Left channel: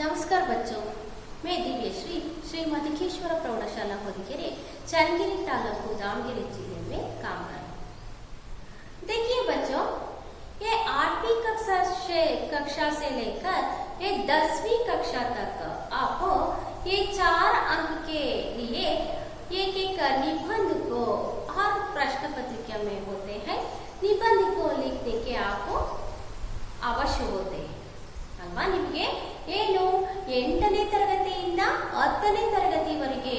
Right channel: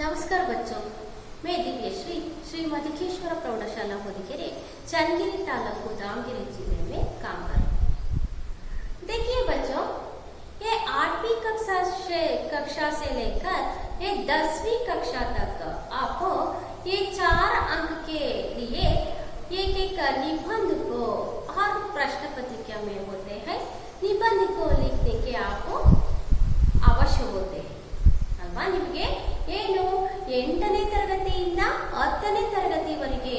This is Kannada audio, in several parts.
नमस्कार बच्चों, मैं दिव्यश्री श्रीमती प्रौढ़शाला होदिकेरे चನ್ನगिरी तालूಕು दावणಗೆರೆ जिले में काम कर रही हूँ। देखिए बच्चों, ये 8वीं कक्षा से लेकर ये 10वीं कक्षा तक आपको ये 4 अंक के लिए एक एक निबंध को हर प्रश्न पत्रिका में होते हैं, निबंध को लिखने के आपको अवश्य होते हैं ಅಲ್ವಾ। ನಿಮಗೆ ಏನು 8ನೇ ತರಗತಿಯಿಂದ 10ನೇ ತರಗತಿವರೆಗೆ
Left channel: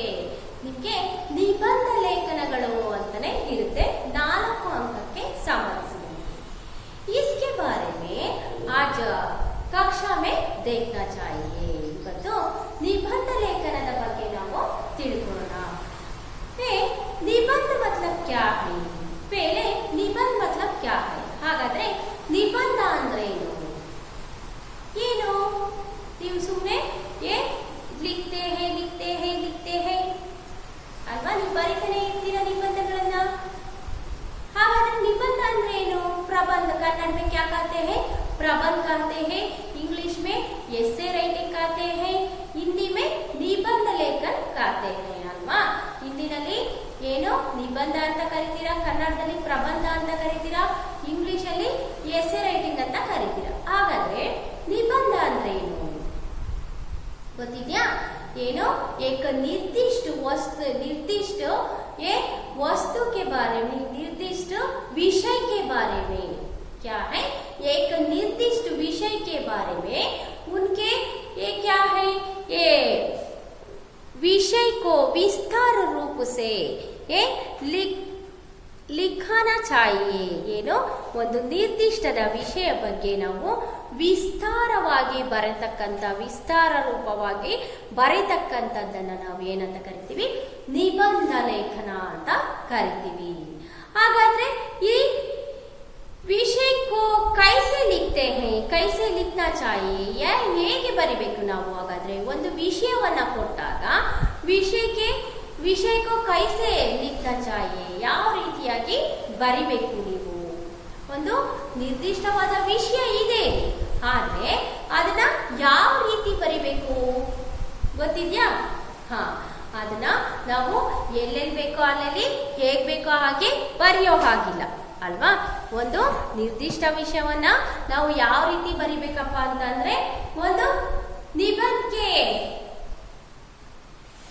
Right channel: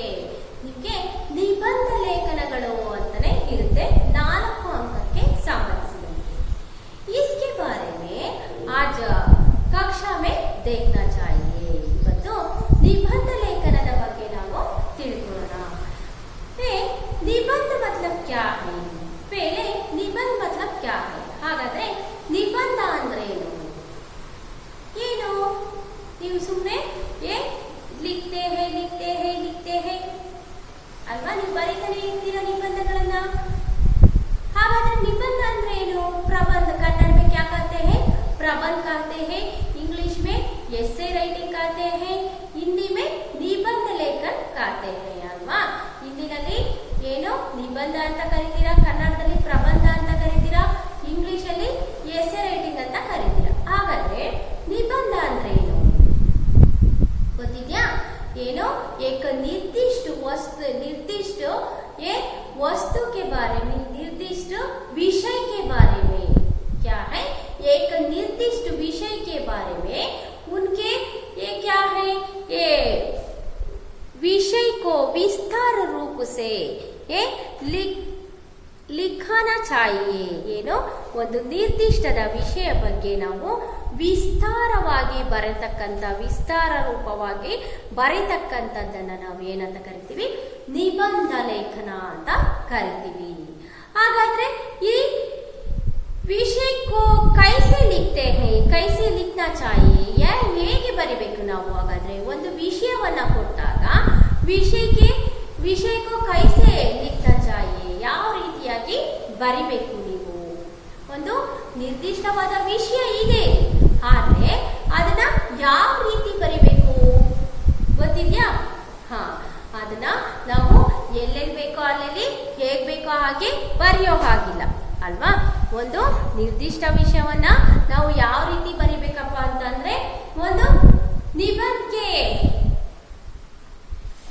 ನಿಮಗೆ ನಿಬಂಧ ಲೇಖನಗಳು ಅಂತಾನೆ ಇರುತ್ತೆ, 4 अंकಕ್ಕೆ ಸಂಬಂಧಿಸಿದಂತೆ। इसके बारे में आज कक्षा में देखना चाहिए। ಇವತ್ತು ನಿಬಂಧ ಲೇಖನದ ಬಗ್ಗೆ ನಾವು ತಿಳ್ಕೊಳ್ಳೋಣ। निबंध मतलब क्या है? पहले निबंध मतलब क्या है? ಹಾಗಾದ್ರೆ ನಿಬಂಧ ಅಂದ್ರೆ ಏನು? ನೀವು ಸುಮ್ಮನೆ ಲಿಖತೆ ಹೇ ಅಲ್ವಾ, ನೀವು ಬರೀತಾನೆ ಇರ್ತೀರಾ ನಿಬಂಧಗಳನ್ನ। ಹಾಗಾದ್ರೆ ನಿಬಂಧ ಅಂದ್ರೆ ಏನು? प्रबंध, कन्नड़ में क्या कहते हैं? प्रबंध कहते हैं, इंग्लिश में एसे राइटिंग कहते हैं, हिंदी में निबंध लेखन कहते हैं ಅಲ್ವಾ। ಹಿಂದಿನಲ್ಲಿ ಏನು ನಿಬಂಧ ಅಂತ ಕರೀತೀರಾ, ಕನ್ನಡದಲ್ಲಿ ಪ್ರಬಂಧ ಅಂತ ಕರೀತೀರಾ, ಇಂಗ್ಲಿಷ್ ಅಲ್ಲಿ ಎಸೆ ರೈಟಿಂಗ್ ಅಂತ ಕರೀತೀರಾ। ಹಾಗಾದ್ರೆ निबंध ಅಂದ್ರೆ ಏನು ಗೊತ್ತಿದ್ಯಾ? ಏನು एक निर्दिष्ट वस्तु के बारे में, निर्दिष्ट विषय के बारे में, क्या है? एक निर्दिष्ट विषय के बारे में उनके ये क्या है, ये विषय को विस्तार रूप से ये लिखाना चाहिए। ಏನು ಒಂದು ನಿರ್ದಿಷ್ಟದ ವಿಷಯ ಬಗ್ಗೆ ನಾವು ವಿಸ್ತಾರವಾಗಿ ಬರೆತಕ್ಕಂಥ, ವಿಸ್ತಾರ ರೂಪವಾಗಿ ಬರೆತಕ್ಕಂಥದ್ದನ್ನು ನಾವು ಏನಂತ ಕರಿತೀವಿ? ನಿಬಂಧ ಲೇಖನ ಅಂತ ಕರಿತೀವಿ। ಹಾಗಾದ್ರೆ ಈ ವಿಷಯ को कैसे लिखते हैं, कैसे लिखना चाहिए, ಹೇಗೆ ಬರಿಬೇಕು ನಾವು? ಹಾಗಾದ್ರೆ ಒಂದು ವಿಷಯವನ್ನ ಕೊಟ್ಟಾಗ ವಿಷಯ को कैसे लिखना चाहिए, ಯಾವ ರೀತಿಯಾಗಿ ಬರಿಬೇಕು ನೀವು? ಒಂದು ನಿರ್ದಿಷ್ಟವಾದ ವಿಷಯ ಇದೆ, ಆದ್ರೆ ಅದನ್ನ ಯಾವ ರೀತಿ ಬರಿಬೇಕು ಗೊತ್ತಿದ್ಯಾ? ಅದನ್ನ ನಾವು ಎಲ್ಲೆಲ್ಲಿ ಬೇಕೋ ಅಲ್ಲೆಲ್ಲಿ ಹೇಗ್ ಬೇಕೋ ಹಾಗೆ ಬರೆಯೋ ಹಾಗಿಲ್ಲ ಅಲ್ವಾ। ಒಂದು ನಿರ್ದಿಷ್ಟ ವಿಷಯವನ್ನ ನಾವು ಯಾವ ರೀತಿ ಬರಿಬೇಕಪ್ಪ ಅಂತಂದ್ರೆ, ಒಂದು ನಿಬಂಧಕ್ಕೆ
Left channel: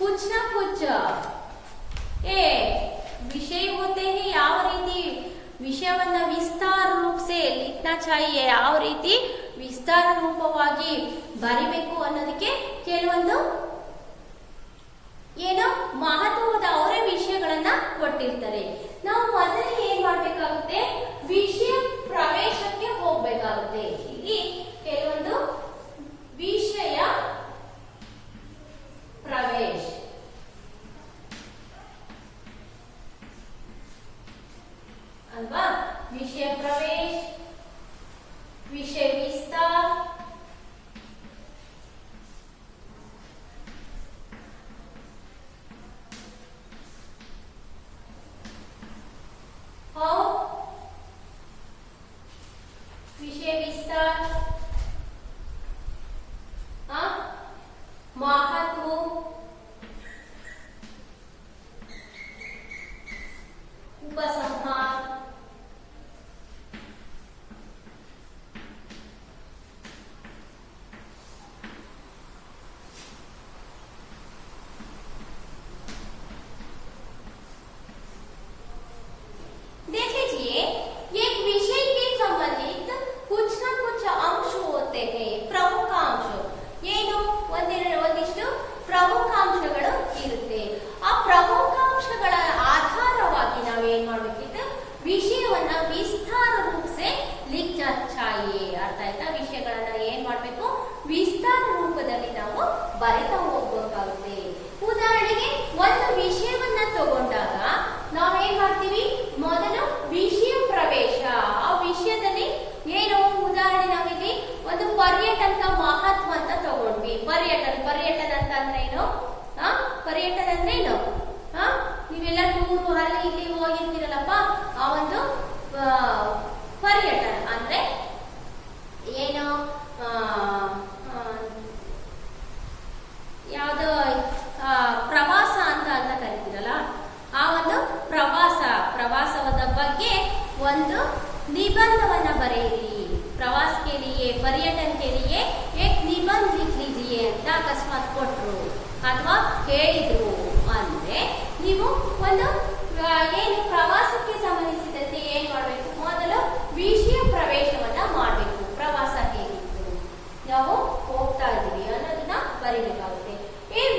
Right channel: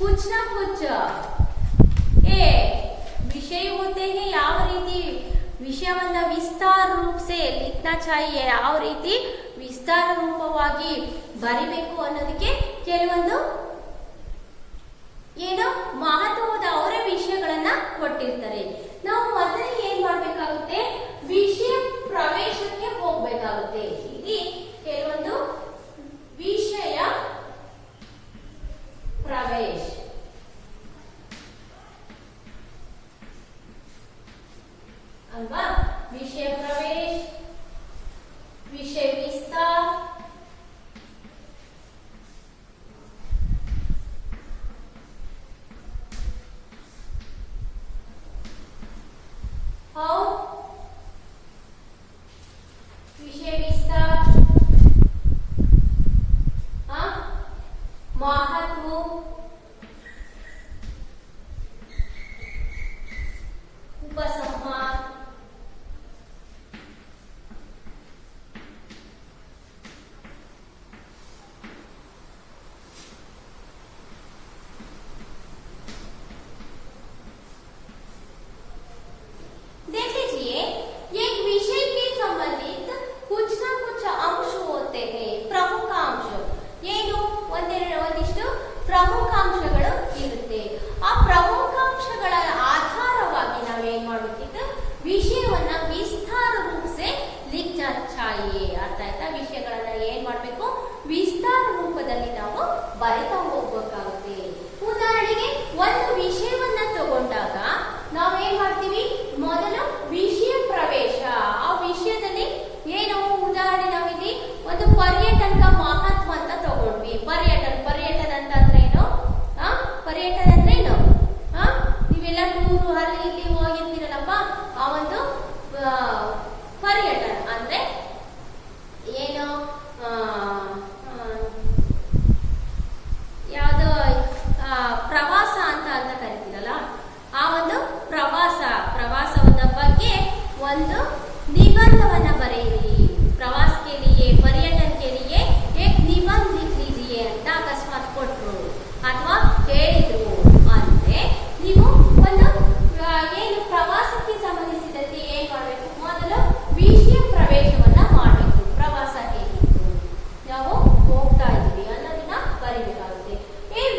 कुछ ना कुछ विषय होते हैं, ಯಾವ ರೀತಿ ವಿಷಯವನ್ನ ವಿಸ್ತಾರ ರೂಪ से लिखना चाहिए, ಯಾವ ರೀತಿ ವಿಸ್ತಾರ ರೂಪವಾಗಿ ಬರಿಬೇಕು ಅನ್ನೋದಕ್ಕೆ ಕೆಲವೊಂದು ಏನೋ ಮಹತ್ವದ ಅವರೇ ವಿಷಯಗಳನ್ನ ಕೊಟ್ಟಿರ್ತಾರೆ। ನಾವು ಮೊದಲಿಗೆ ಏನ್ ಮಾಡ್ಬೇಕಾಗುತ್ತೆ? ವಿಷಯ ಪ್ರವೇಶಕ್ಕೆ ಹೋಗ್ಬೇಕಾಗುತ್ತೆ। ಇಲ್ಲಿ ಕೆಲವೊಂದು ವಿಷಯ प्रवेश अल्वा, विषय प्रवेश, विषय विस्तार, और विषय विस्तार महत्व, उपसंहार, देख लीजिए, एक विषय के संबंधित कुछ ना कुछ अंश होते हैं, प्रमुख अंश। ಏನು ಒಂದಿಷ್ಟು ಪ್ರಮುಖಾಂಶಗಳು ಇರುತ್ತೆ। ಆ ಪ್ರಮುಖಾಂಶಗಳ ಆಧಾರವಾಗಿ ನಾವೇನ್ ಮಾಡ್ಬೇಕಿತ್ತು? ವಿಷಯವನ್ನ ವಿಸ್ತಾರ ರೂಪಸೆ ಲಿಖನ ಚಾಹಿಯೆ। ಅರ್ಥ ಆಯ್ತಾ? ವಿಷಯಗಳನ್ನ ಏನ್ ಮಾಡ್ಬೇಕು? ವಿಸ್ತಾರ ರೂಪದಲ್ಲಿ ನಾವು ಬರಿತಾ ಹೋಗ್ಬೇಕಾಗುತ್ತೆ। ಉದಾಹರಣೆಗೆ ಒಂದು ವಿಷಯವನ್ನ ತಗೊಂಡಾಗ ನಾವೇನ್ ಮಾಡ್ತೀವಿ? ಮೊದಲು ವಿಷಯ ಪ್ರವೇಶ, ಆ ವಿಷಯದಲ್ಲಿ ಏನು ಉದಾಹರಣೆ ನಾವಿಲ್ಲಿ ಒಂದು ಪರ್ಯಟನದ ಮಹತ್ವ ಅಂತ ತಗೊಂಡ್ವಿ। ಪರ್ಯಟನ ಅಂತ ಅಂದ್ರೆ ಏನು? ಪರ್ಯಟನ ಅಂದ್ರೆ ಏನು? ನೀವೆಲ್ಲ ಟೂರು ಅಲ್ಲಿ ಇಲ್ಲಿ ಹೋಗಿರ್ತೀರಲ್ಲಪ್ಪ, ಆ ಒಂದು ಪರ್ಯಟನ ಅಂದ್ರೆ ಏನು? ಅಂತ ಕರಿತೀರಲ್ಲ, ಆ ಒಂದು ಪ್ರವಾಸದ ಬಗ್ಗೆ ಒಂದು निबंधवನ್ನ ಬರೆಯಿರಿ. प्रवास के लिए, पर्यटन के लिए एक निबंध लिख लीजिए ಅಂತ ಅಕಸ್ಮಾತ್ ಕೊಟ್ರು ಅಥವಾ ಹೇಳಿದ್ರು ಅಂದ್ರೆ ನೀವು ಒಂದು ಏನು ಪ್ರವಾಸಕ್ಕೆ ಸಂಬಂಧಿಸಿದಂತೆ ಏನ್ ಮಾಡಬೇಕು, ಮೊದಲು ವಿಷಯ ಪ್ರವೇಶವನ್ನ ಮಾಡಬೇಕು. ಪ್ರವಾಸ ಹೇಗಿತ್ತು, ನಾವು ಹೋಗ್ತಾ ಇದೀವಿ ಅನ್ನೋದನ್ನ ಬರೀಬೇಕಾಗುತ್ತೆ.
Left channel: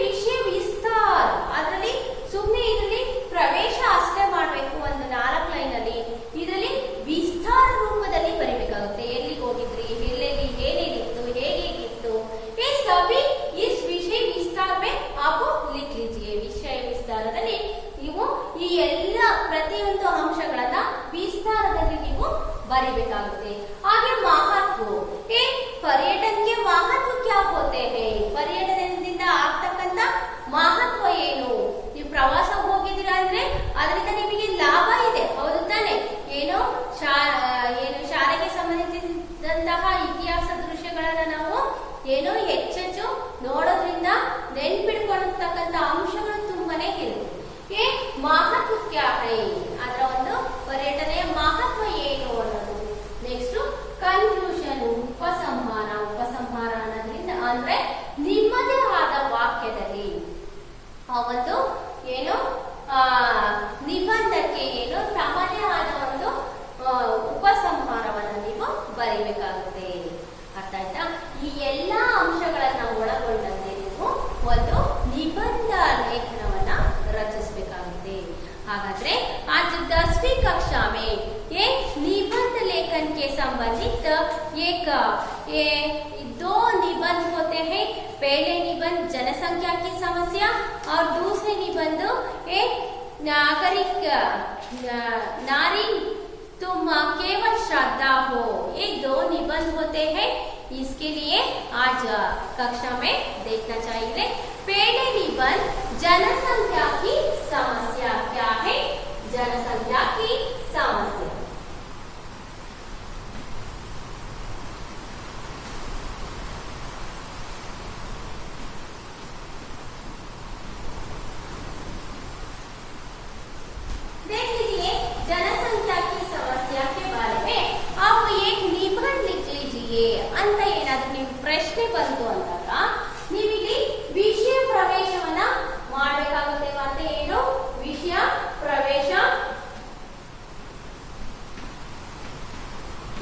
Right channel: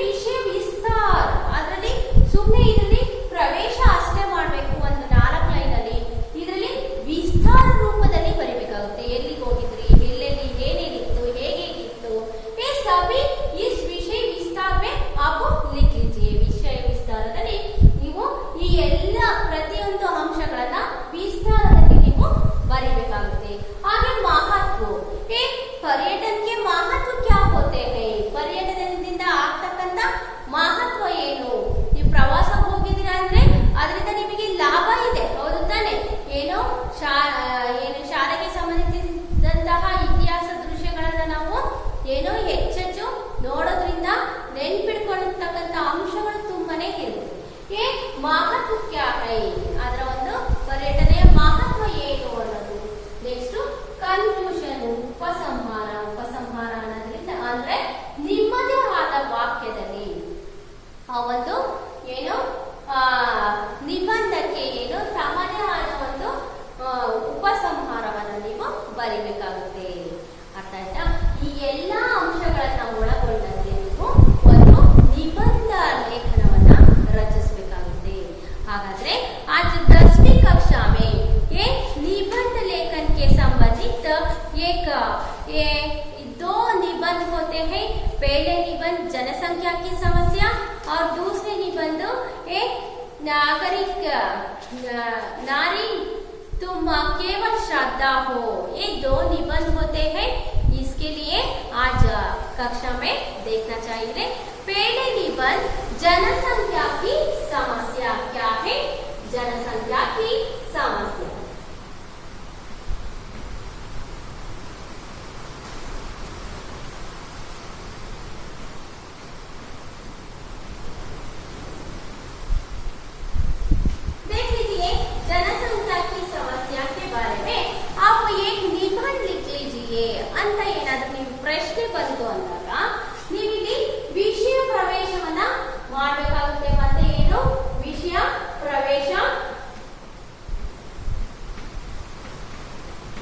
ವಿಷಯ ವಿಸ್ತಾರ, ಅದರಲ್ಲಿ ಸುಮ್ಮನೆ ಇದರಲ್ಲಿ ಪ್ರವೇಶ ಅಷ್ಟೇ ಮಾಡಬೇಕು, ಒಂದು 4 ಲೈನ್ ಅಲ್ಲಿ. ಇದರಲ್ಲಿ ವಿಸ್ತಾರ ರೂಪದಲ್ಲಿ ಬರೀಬೇಕಾಗುತ್ತೆ. ಎಲ್ಲಿಗೆ ಹೋಗಿದ್ರಿ, ಎಲ್ಲೆಲ್ಲಿ ಏನೇನಿತ್ತು, ಹೇಗಿತ್ತು, ಸಭಿ ಇಸ್ ವಿಷಯ ವಿಸ್ತಾರ ಮೇ ಆಪ್ ಲಿಖ್ ಲೀಜಿಯೇ. ವಿಷಯ ವಿಸ್ತಾರದಲ್ಲಿ ನೀವು ಈ ಎಲ್ಲ ಪ್ರತಿಯೊಂದು ಅಂಶಗಳನ್ನ ವಿಸ್ತಾರದಲ್ಲಿ ನೀವು ಬರೀಬೇಕಾಗುತ್ತೆ. ಹಾಗೆ ಮಹತ್ವ, पर्यटन के महत्व क्या होते हैं, पर्यटನದಿಂದ ಆಗ್ತಕ್ಕಂತ ಮಹತ್ವ ಏನು. ನೀವು ಪ್ರವಾಸ ಹೋಗಿದ್ದೀರಾ ಅಂದ್ರೆ ಅದರಿಂದ ನಿಮಗೆ ಲಾಭ ಇದೆ, ಹೌದು ತಾನೆ? ಏನು ಶಾಲೆಗೆ ಸಂಬಂಧಿಸಿದಂತಹ ಇತಿಹಾಸ ದೃಶ್ಯಗಳನ್ನ ನಾವು ಏನೋ ಹೆಚ್ಚೆಚ್ಚು ನೋಡೋದ್ರಿಂದ ನೆನ್ಪಿಟ್ಕೊಳ್ಳತಕ್ಕಂತ ಅಂಶಗಳು ತುಂಬಾನೇ ಇರುತ್ತೆ. ಮಹತ್ವ ಕ್ಯಾ ಹೈ, ಅದರ ಒಂದು ಪರ್ಯಟನೆಯ ಮಹತ್ವ ಏನು ಅನ್ನೋದು. ನೆಕ್ಸ್ಟ್ ಕನ್ಕ್ಲೂಷನ್, ಉಪಸಂಹಾರ ಅನ್ನೋದ್ರಿಂದ ಅಂದ್ರೆ ನಿಮ್ಮದೇ ಆದ ವಾಕ್ಯದಲ್ಲಿ ಆ ಒಂದು ಏನು ನಿಬಂಧಕ್ಕೆ ಏನು ತಮ್ಮದೇ ಆದ ಒಂದು ಉಪಸಂಹಾರವನ್ನು ನೀವು ಬರೀಬೇಕಾಗುತ್ತೆ. ಅರ್ಥ ಆಯ್ತಾ? ಈ ಎಲ್ಲಾ ಅಂಶಗಳನ್ನ ಒಳಗೊಂಡಂತೆ ನೀವು ಒಂದು ನಿಬಂಧ ಲೇಖನವನ್ನ ರಚಿಸಬೇಕಾಗುತ್ತೆ. ಹಾಗಾದ್ರೆ आज 10वीं कक्षा में ये निबंध लेखन के संबंधित दो निबंध होते हैं. पहले निबंध जनसंख्या की समस्या और दूसरे निबंध एक नारी तुम केवल श्रद्धा हो. ये 2 निबंध होते हैं. इसके लिए आज कक्षा में देखना चाहिए. पहले निबंध जनसंख्या की समस्या क्या है, जनसंख्या की समस्या. देख लीजिए जनसंख्या की समस्या के बारे में आप एक निबंध लिख लीजिए ಅಂತ ಏನಾದ್ರೂ ನೀವು ಪ್ರಶ್ನೆ ಬಂತು ಅಂದಾಗ ನೀವಿಲ್ಲಿ ವಿಷಯ ಪ್ರವೇಶವನ್ನ ಮಾಡಬೇಕಾಗುತ್ತೆ. ಮತ್ತೆ ಏನು ವಿಷಯ ಪ್ರವೇಶ,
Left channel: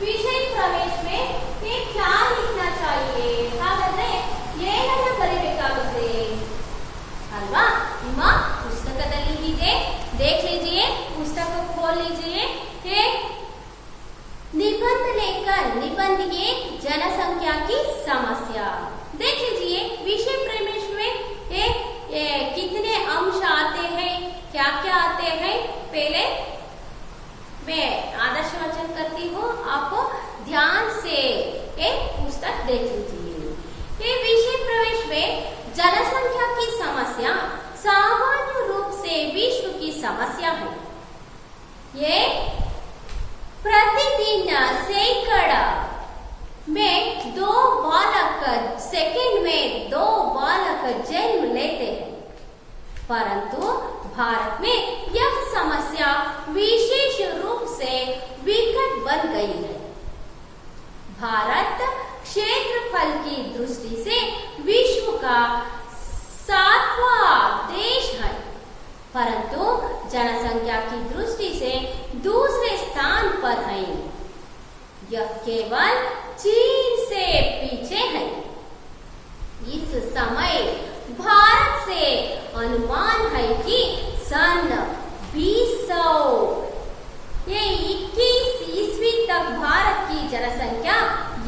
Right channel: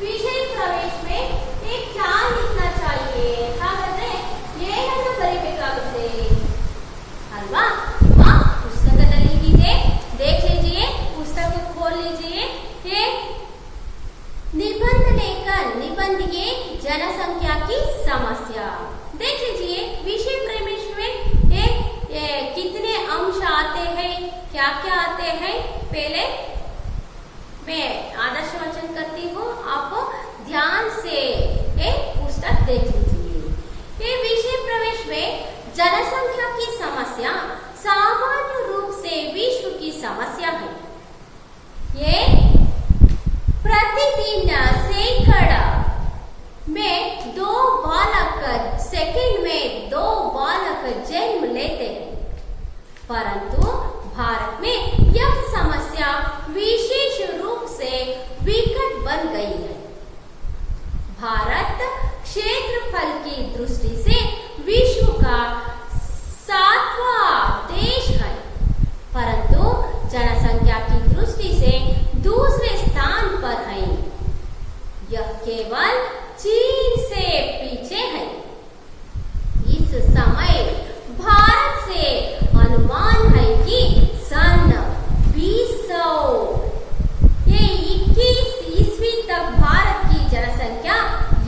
विषय प्रवेश में ये क्या लिखना चाहिए, ಹಾಗಾದ್ರೆ ಏನನ್ನು ಬರೀಬೇಕಾಗುತ್ತೆ ಅಲ್ವಾ? ನಿಮ್ಮ ಪುಸ್ತಕದಲ್ಲಿ ಇದೆ, देख लीजिए, पुस्तक खोल लीजिए. ये निबंध लेखन, निबंध ये जनसंख्या की समस्या. देख लीजिए विषय प्रवेश में ये कितने अंश आते हैं, क्या क्या आते हैं. पहले मैं आदर्श वाचन करती हूँ, आप ध्यान से ये पुस्तक देख लीजिए. ये विषय प्रवेश में जनसंख्या की समस्या सामान्य रूप से विश्व की समस्या है. ये प्रतिदिन सैकड़ा में 2 बालक, सेकंड में 2 बालक जन्म लेते हैं. परंतु भारत में यह समस्या विशेष रूप से विकट बन गई है. भारत क्षेत्रफल की दृष्टि से विश्व का 7वां देश है, परंतु जनसंख्या की दृष्टि से दूसरे स्थान पर है. यह केवल चीन से पीछे है. इस समय भारत से अनुमान है कि सन 2021 ईस्वी तक भारत की जनसंख्या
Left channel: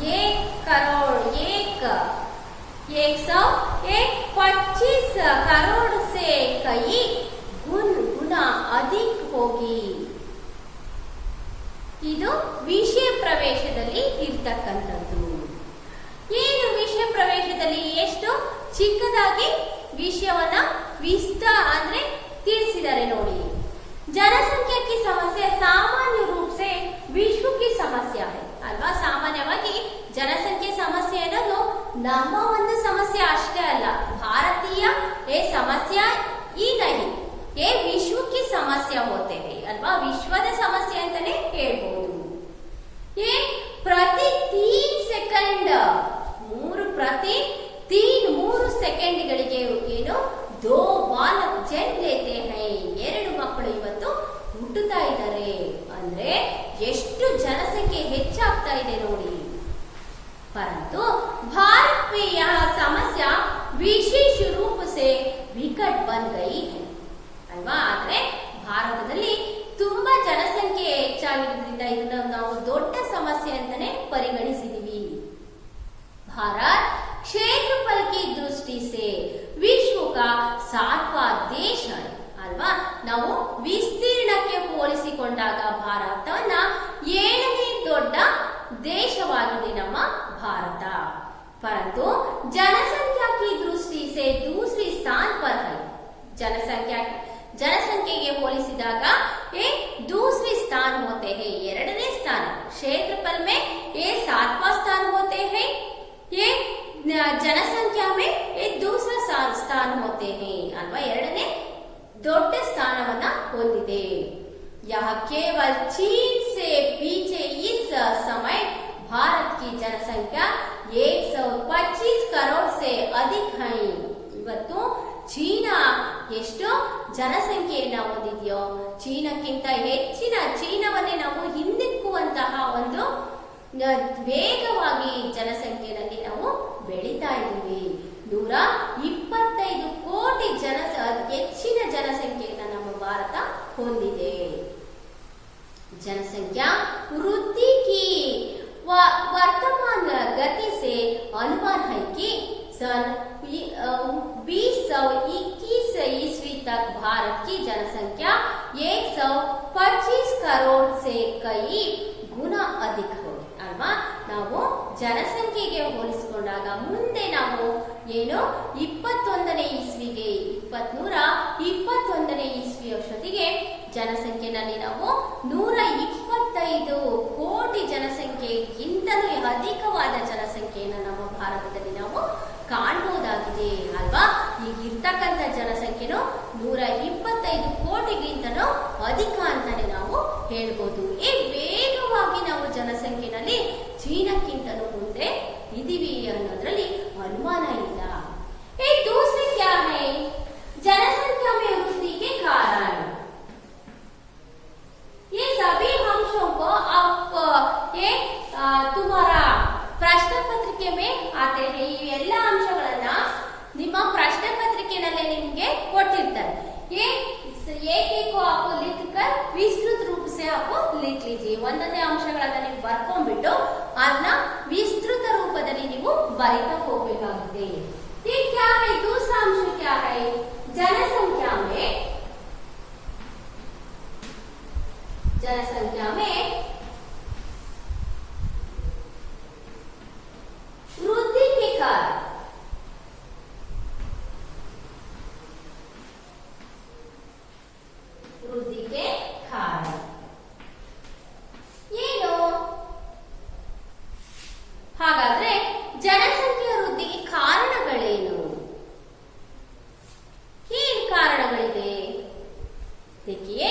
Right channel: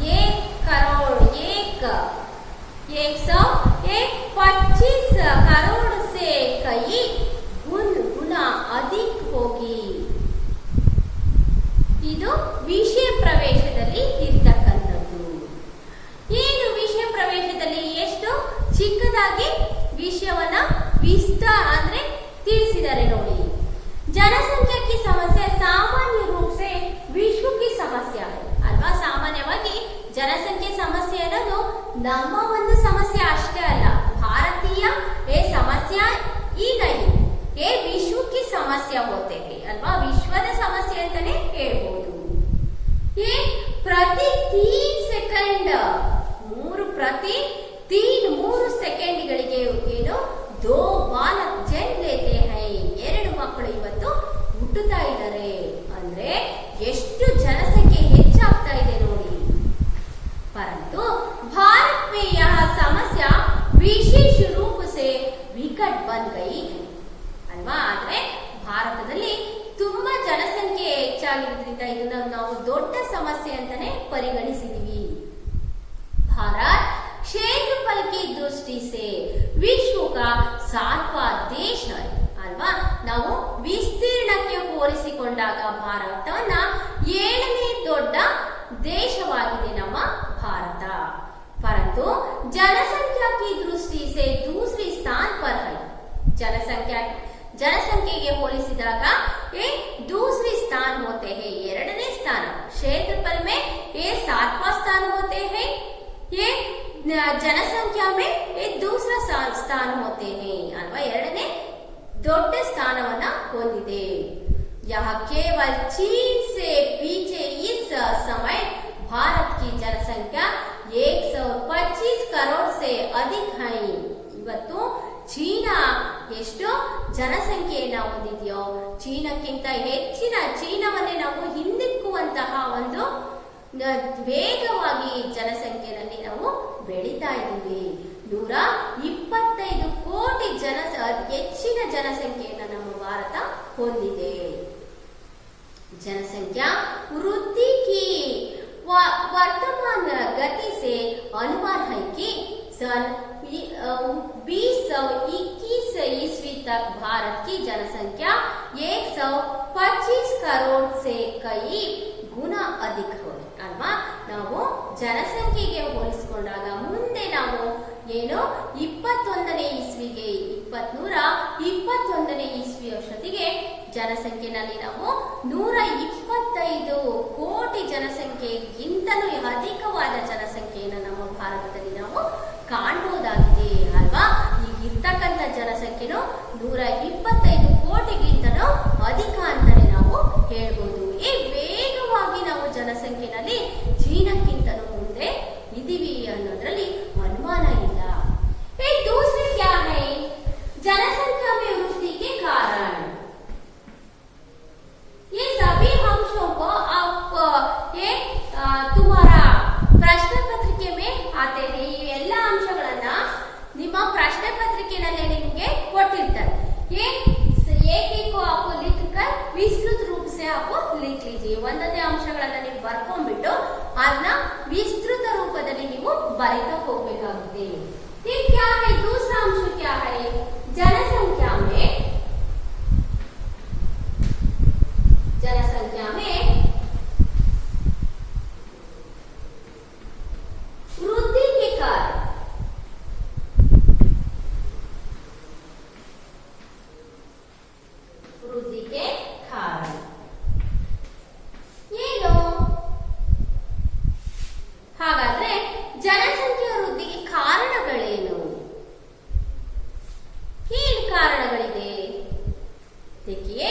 125 करोड़ से कई गुना अधिक होगी. ಇದು ವಿಷಯ ಪ್ರವೇಶದಲ್ಲಿ ಇರ್ತಕ್ಕಂಥದ್ದು. ಏನು ವಿಷಯ ಪ್ರವೇಶದಲ್ಲಿ ಎಷ್ಟು ಚಿಕ್ಕದಾಗಿ ವಿಷಯವನ್ನ ಅಂದ್ರೆ ತಿಳಿಸಿದ್ದಾರೆ ನೋಡಿ. ಜನಸಂಖ್ಯಾ की समस्या सामान्य रूप से विश्व की समस्या है ಅಲ್ವಾ? ಸಾಮಾನ್ಯವಾಗಿ ಜನಸಂಖ್ಯೆ ಸಮಸ್ಯೆ ಅನ್ನೋದು ನಮ್ಮ ಒಂದು ಸಮಸ್ಯೆ ಅಷ್ಟೇ ಅಲ್ಲ, ಭಾರತೀಯ ಸಮಸ್ಯೆ ಈ नहीं ये विश्व की समस्या होते हैं ಅಲ್ವಾ, ವಿಶ್ವದ ಸಮಸ್ಯೆ ಅಂತಾನೆ ಹೇಳ್ಬೋದು. ये ಪ್ರತಿ 3 ಸೆಕೆಂಡ್ ಪ್ರತಿ 3 ಸೆಕೆಂಡ್ಗಳಿಗೆ ಏನು 2 ಬಾಲಕ್ ಜನ್ಮ ಲೇತೆ ಹೈ, 2 ಮಕ್ಕಳು ಇವತ್ತು ಹುಟ್ಟುತ್ತಾ ಇದ್ದಾರೆ. ಅಂದ್ರೆ ಎಷ್ಟು ಜನಸಂಖ್ಯೆ ಹೆಚ್ಚಾಗ್ತಾ ಇದೆ ನೋಡಿ. परंतु भारत में यह समस्या विशेष रूप से विकट बन गई है ಅಲ್ವಾ. ಆದ್ರೆ ಭಾರತದಲ್ಲಿ ತುಂಬಾ ಜನಸಂಖ್ಯೆ ಹೆಚ್ಚಾಗಿರೋದ್ರಿಂದ ಇದನ್ನ ನಾವು ದೊಡ್ಡ ಸಮಸ್ಯೆ ಅಂತಾನೆ ಪರಿಗಣಿಸಿದೀವಿ. भारत क्षेत्रफल की दृष्टि से विश्व का 7वां देश है ಅಲ್ವಾ. ನಾವು ವಿಸ್ತೀರ್ಣಕ್ಕೆ ಹೋಲಿಸಿಕೊಂಡಾಗ ಭಾರತವನ್ನ 7ನೇ ದೊಡ್ಡ ದೇಶವಾಗಿದೆ ನಮ್ಮ ಭಾರತ. परंतु जनसंख्या की दृष्टि से दूसरी स्थान पर है. ಜನಸಂಖ್ಯೆಗೆ ಹೋಲಿಸಿದಾಗ ये दूसरी स्थान होते हैं, 2ನೇ ಸ್ಥಾನ. क्षेत्रफल में ये 7वां स्थान होते हैं, ये जनसंख्या में ये दूसरा स्थान होते हैं ಅಲ್ವಾ. 2ನೇ ದೊಡ್ಡ ಸ್ಥಾನವನ್ನ ಹೊಂದಿದೆ. यह केवल चीन से पीछे इस समय भारत की जनसंख्या 125 करोड़ से अधिक है. ಇವತ್ತು ಚೀನಾ ಎಷ್ಟು ಜನಸಂಖ್ಯೆಯನ್ನ ಹೊಂದಿದೆಯೋ ಚೀನಾಕ್ಕಿಂತ ಹೆಚ್ಚಿನ ಚೀನಾವನ್ನೇ ನಾವು ಹಿಂದಿಕ್ಕುವಂತಹ ಒಂದು ವೇಗವಾಗಿ ಜನಸಂಖ್ಯೆಯಲ್ಲಿ ನಾವು ಬೆಳೀತಾ ಇದ್ದೀವಿ. 125 ಕೋಟಿ ಹೆಚ್ಚಿನ ಜನಸಂಖ್ಯೆಯನ್ನು ನಮ್ಮ ಭಾರತ ಹೊಂದಿದೆ. जनसंख्या वृद्धि की वर्तमान गति से अनुमान है कि सन 2021 ईस्वी तक भारत की जनसंख्या 125 करोड़ से कई गुना अधिक हो ಅಲ್ವಾ. ನಾವು ಜನಸಂಖ್ಯೆಗೆ ಹೋಲಿಸಿಕೊಂಡಾಗ ಮುಂದೆ ನಾವು ಏನು 21ನೇ ಇಸ್ವಿಗೆ 21ನೇ ಇಸ್ವಿ ವರ್ಷದಿಗೆ ಜನಸಂಖ್ಯೆನಲ್ಲಿ ನಾವು 125 ಕೋಟಿ ಜನಸಂಖ್ಯೆಗಿಂತಲೂ ಅಧಿಕವಾದ ಜನಸಂಖ್ಯೆಯನ್ನು ನಮ್ಮ ಭಾರತದಲ್ಲಿ ನಾವು ಕಾಣಬಹುದಾಗಿದೆ ಅಲ್ವಾ. ಈಗಿರ್ತಕ್ಕಂಥ ಜನಸಂಖ್ಯೆನು 125 ಕೋಟಿಗಿಂತಲೂ ಅಧಿಕ ಅಂತಾನೆ ನಾವು ಹೇಳ್ಬೋದು. ವೇಗವಾಗಿ ನಾವು ಜನಸಂಖ್ಯೆನಲ್ಲಿ ಚೀನಾಕ್ಕಿಂತಲೂ ಮುಂದೆ ಇದೀವಿ ಅನ್ನೋದ್ರಲ್ಲಿ ಅನುಮಾನ ಇಲ್ಲ. दूसरी क्या है, जनसंख्या में वृद्धि के कारण. ये सभी अंशों को आप ये तुम्हारा प्रश्न पत्रिके में आते हैं. ಈ ಎಲ್ಲ ಅಂಶಗಳನ್ನ ನಿಮ್ಮ ಪ್ರಶ್ನೆ ಪತ್ರಿಕೆಯಲ್ಲಿ ನಿಮಗೆ ಕೊಟ್ಟಿರ್ತಾರೆ. एक को आप लिखकर विस्तृत रूप से आप लिख लीजिए. ಒಂದನೇ ಅಂಶಗಳನ್ನ ನೀವು ಬರ್ಕೊಂಡ್ಬಿಟ್ಟು ಅದನ್ನ ವಿಸ್ತೃತ ರೂಪದಲ್ಲಿ ನೀವು ಬರೀತಾ ಹೋಗಬೇಕಾಗುತ್ತೆ. ठीक क्या है, दूसरा अंश क्या है, जनसंख्या में वृद्धि के कारण. वृद्धि के कारण ಏನು? ಹಾಗಾದ್ರೆ ಜನಸಂಖ್ಯೆ ವೃದ್ಧಿಗೆ ಕಾರಣಗಳೇನು? ಏನು ಕಾರಣಗಳಿದೆ? देखिए,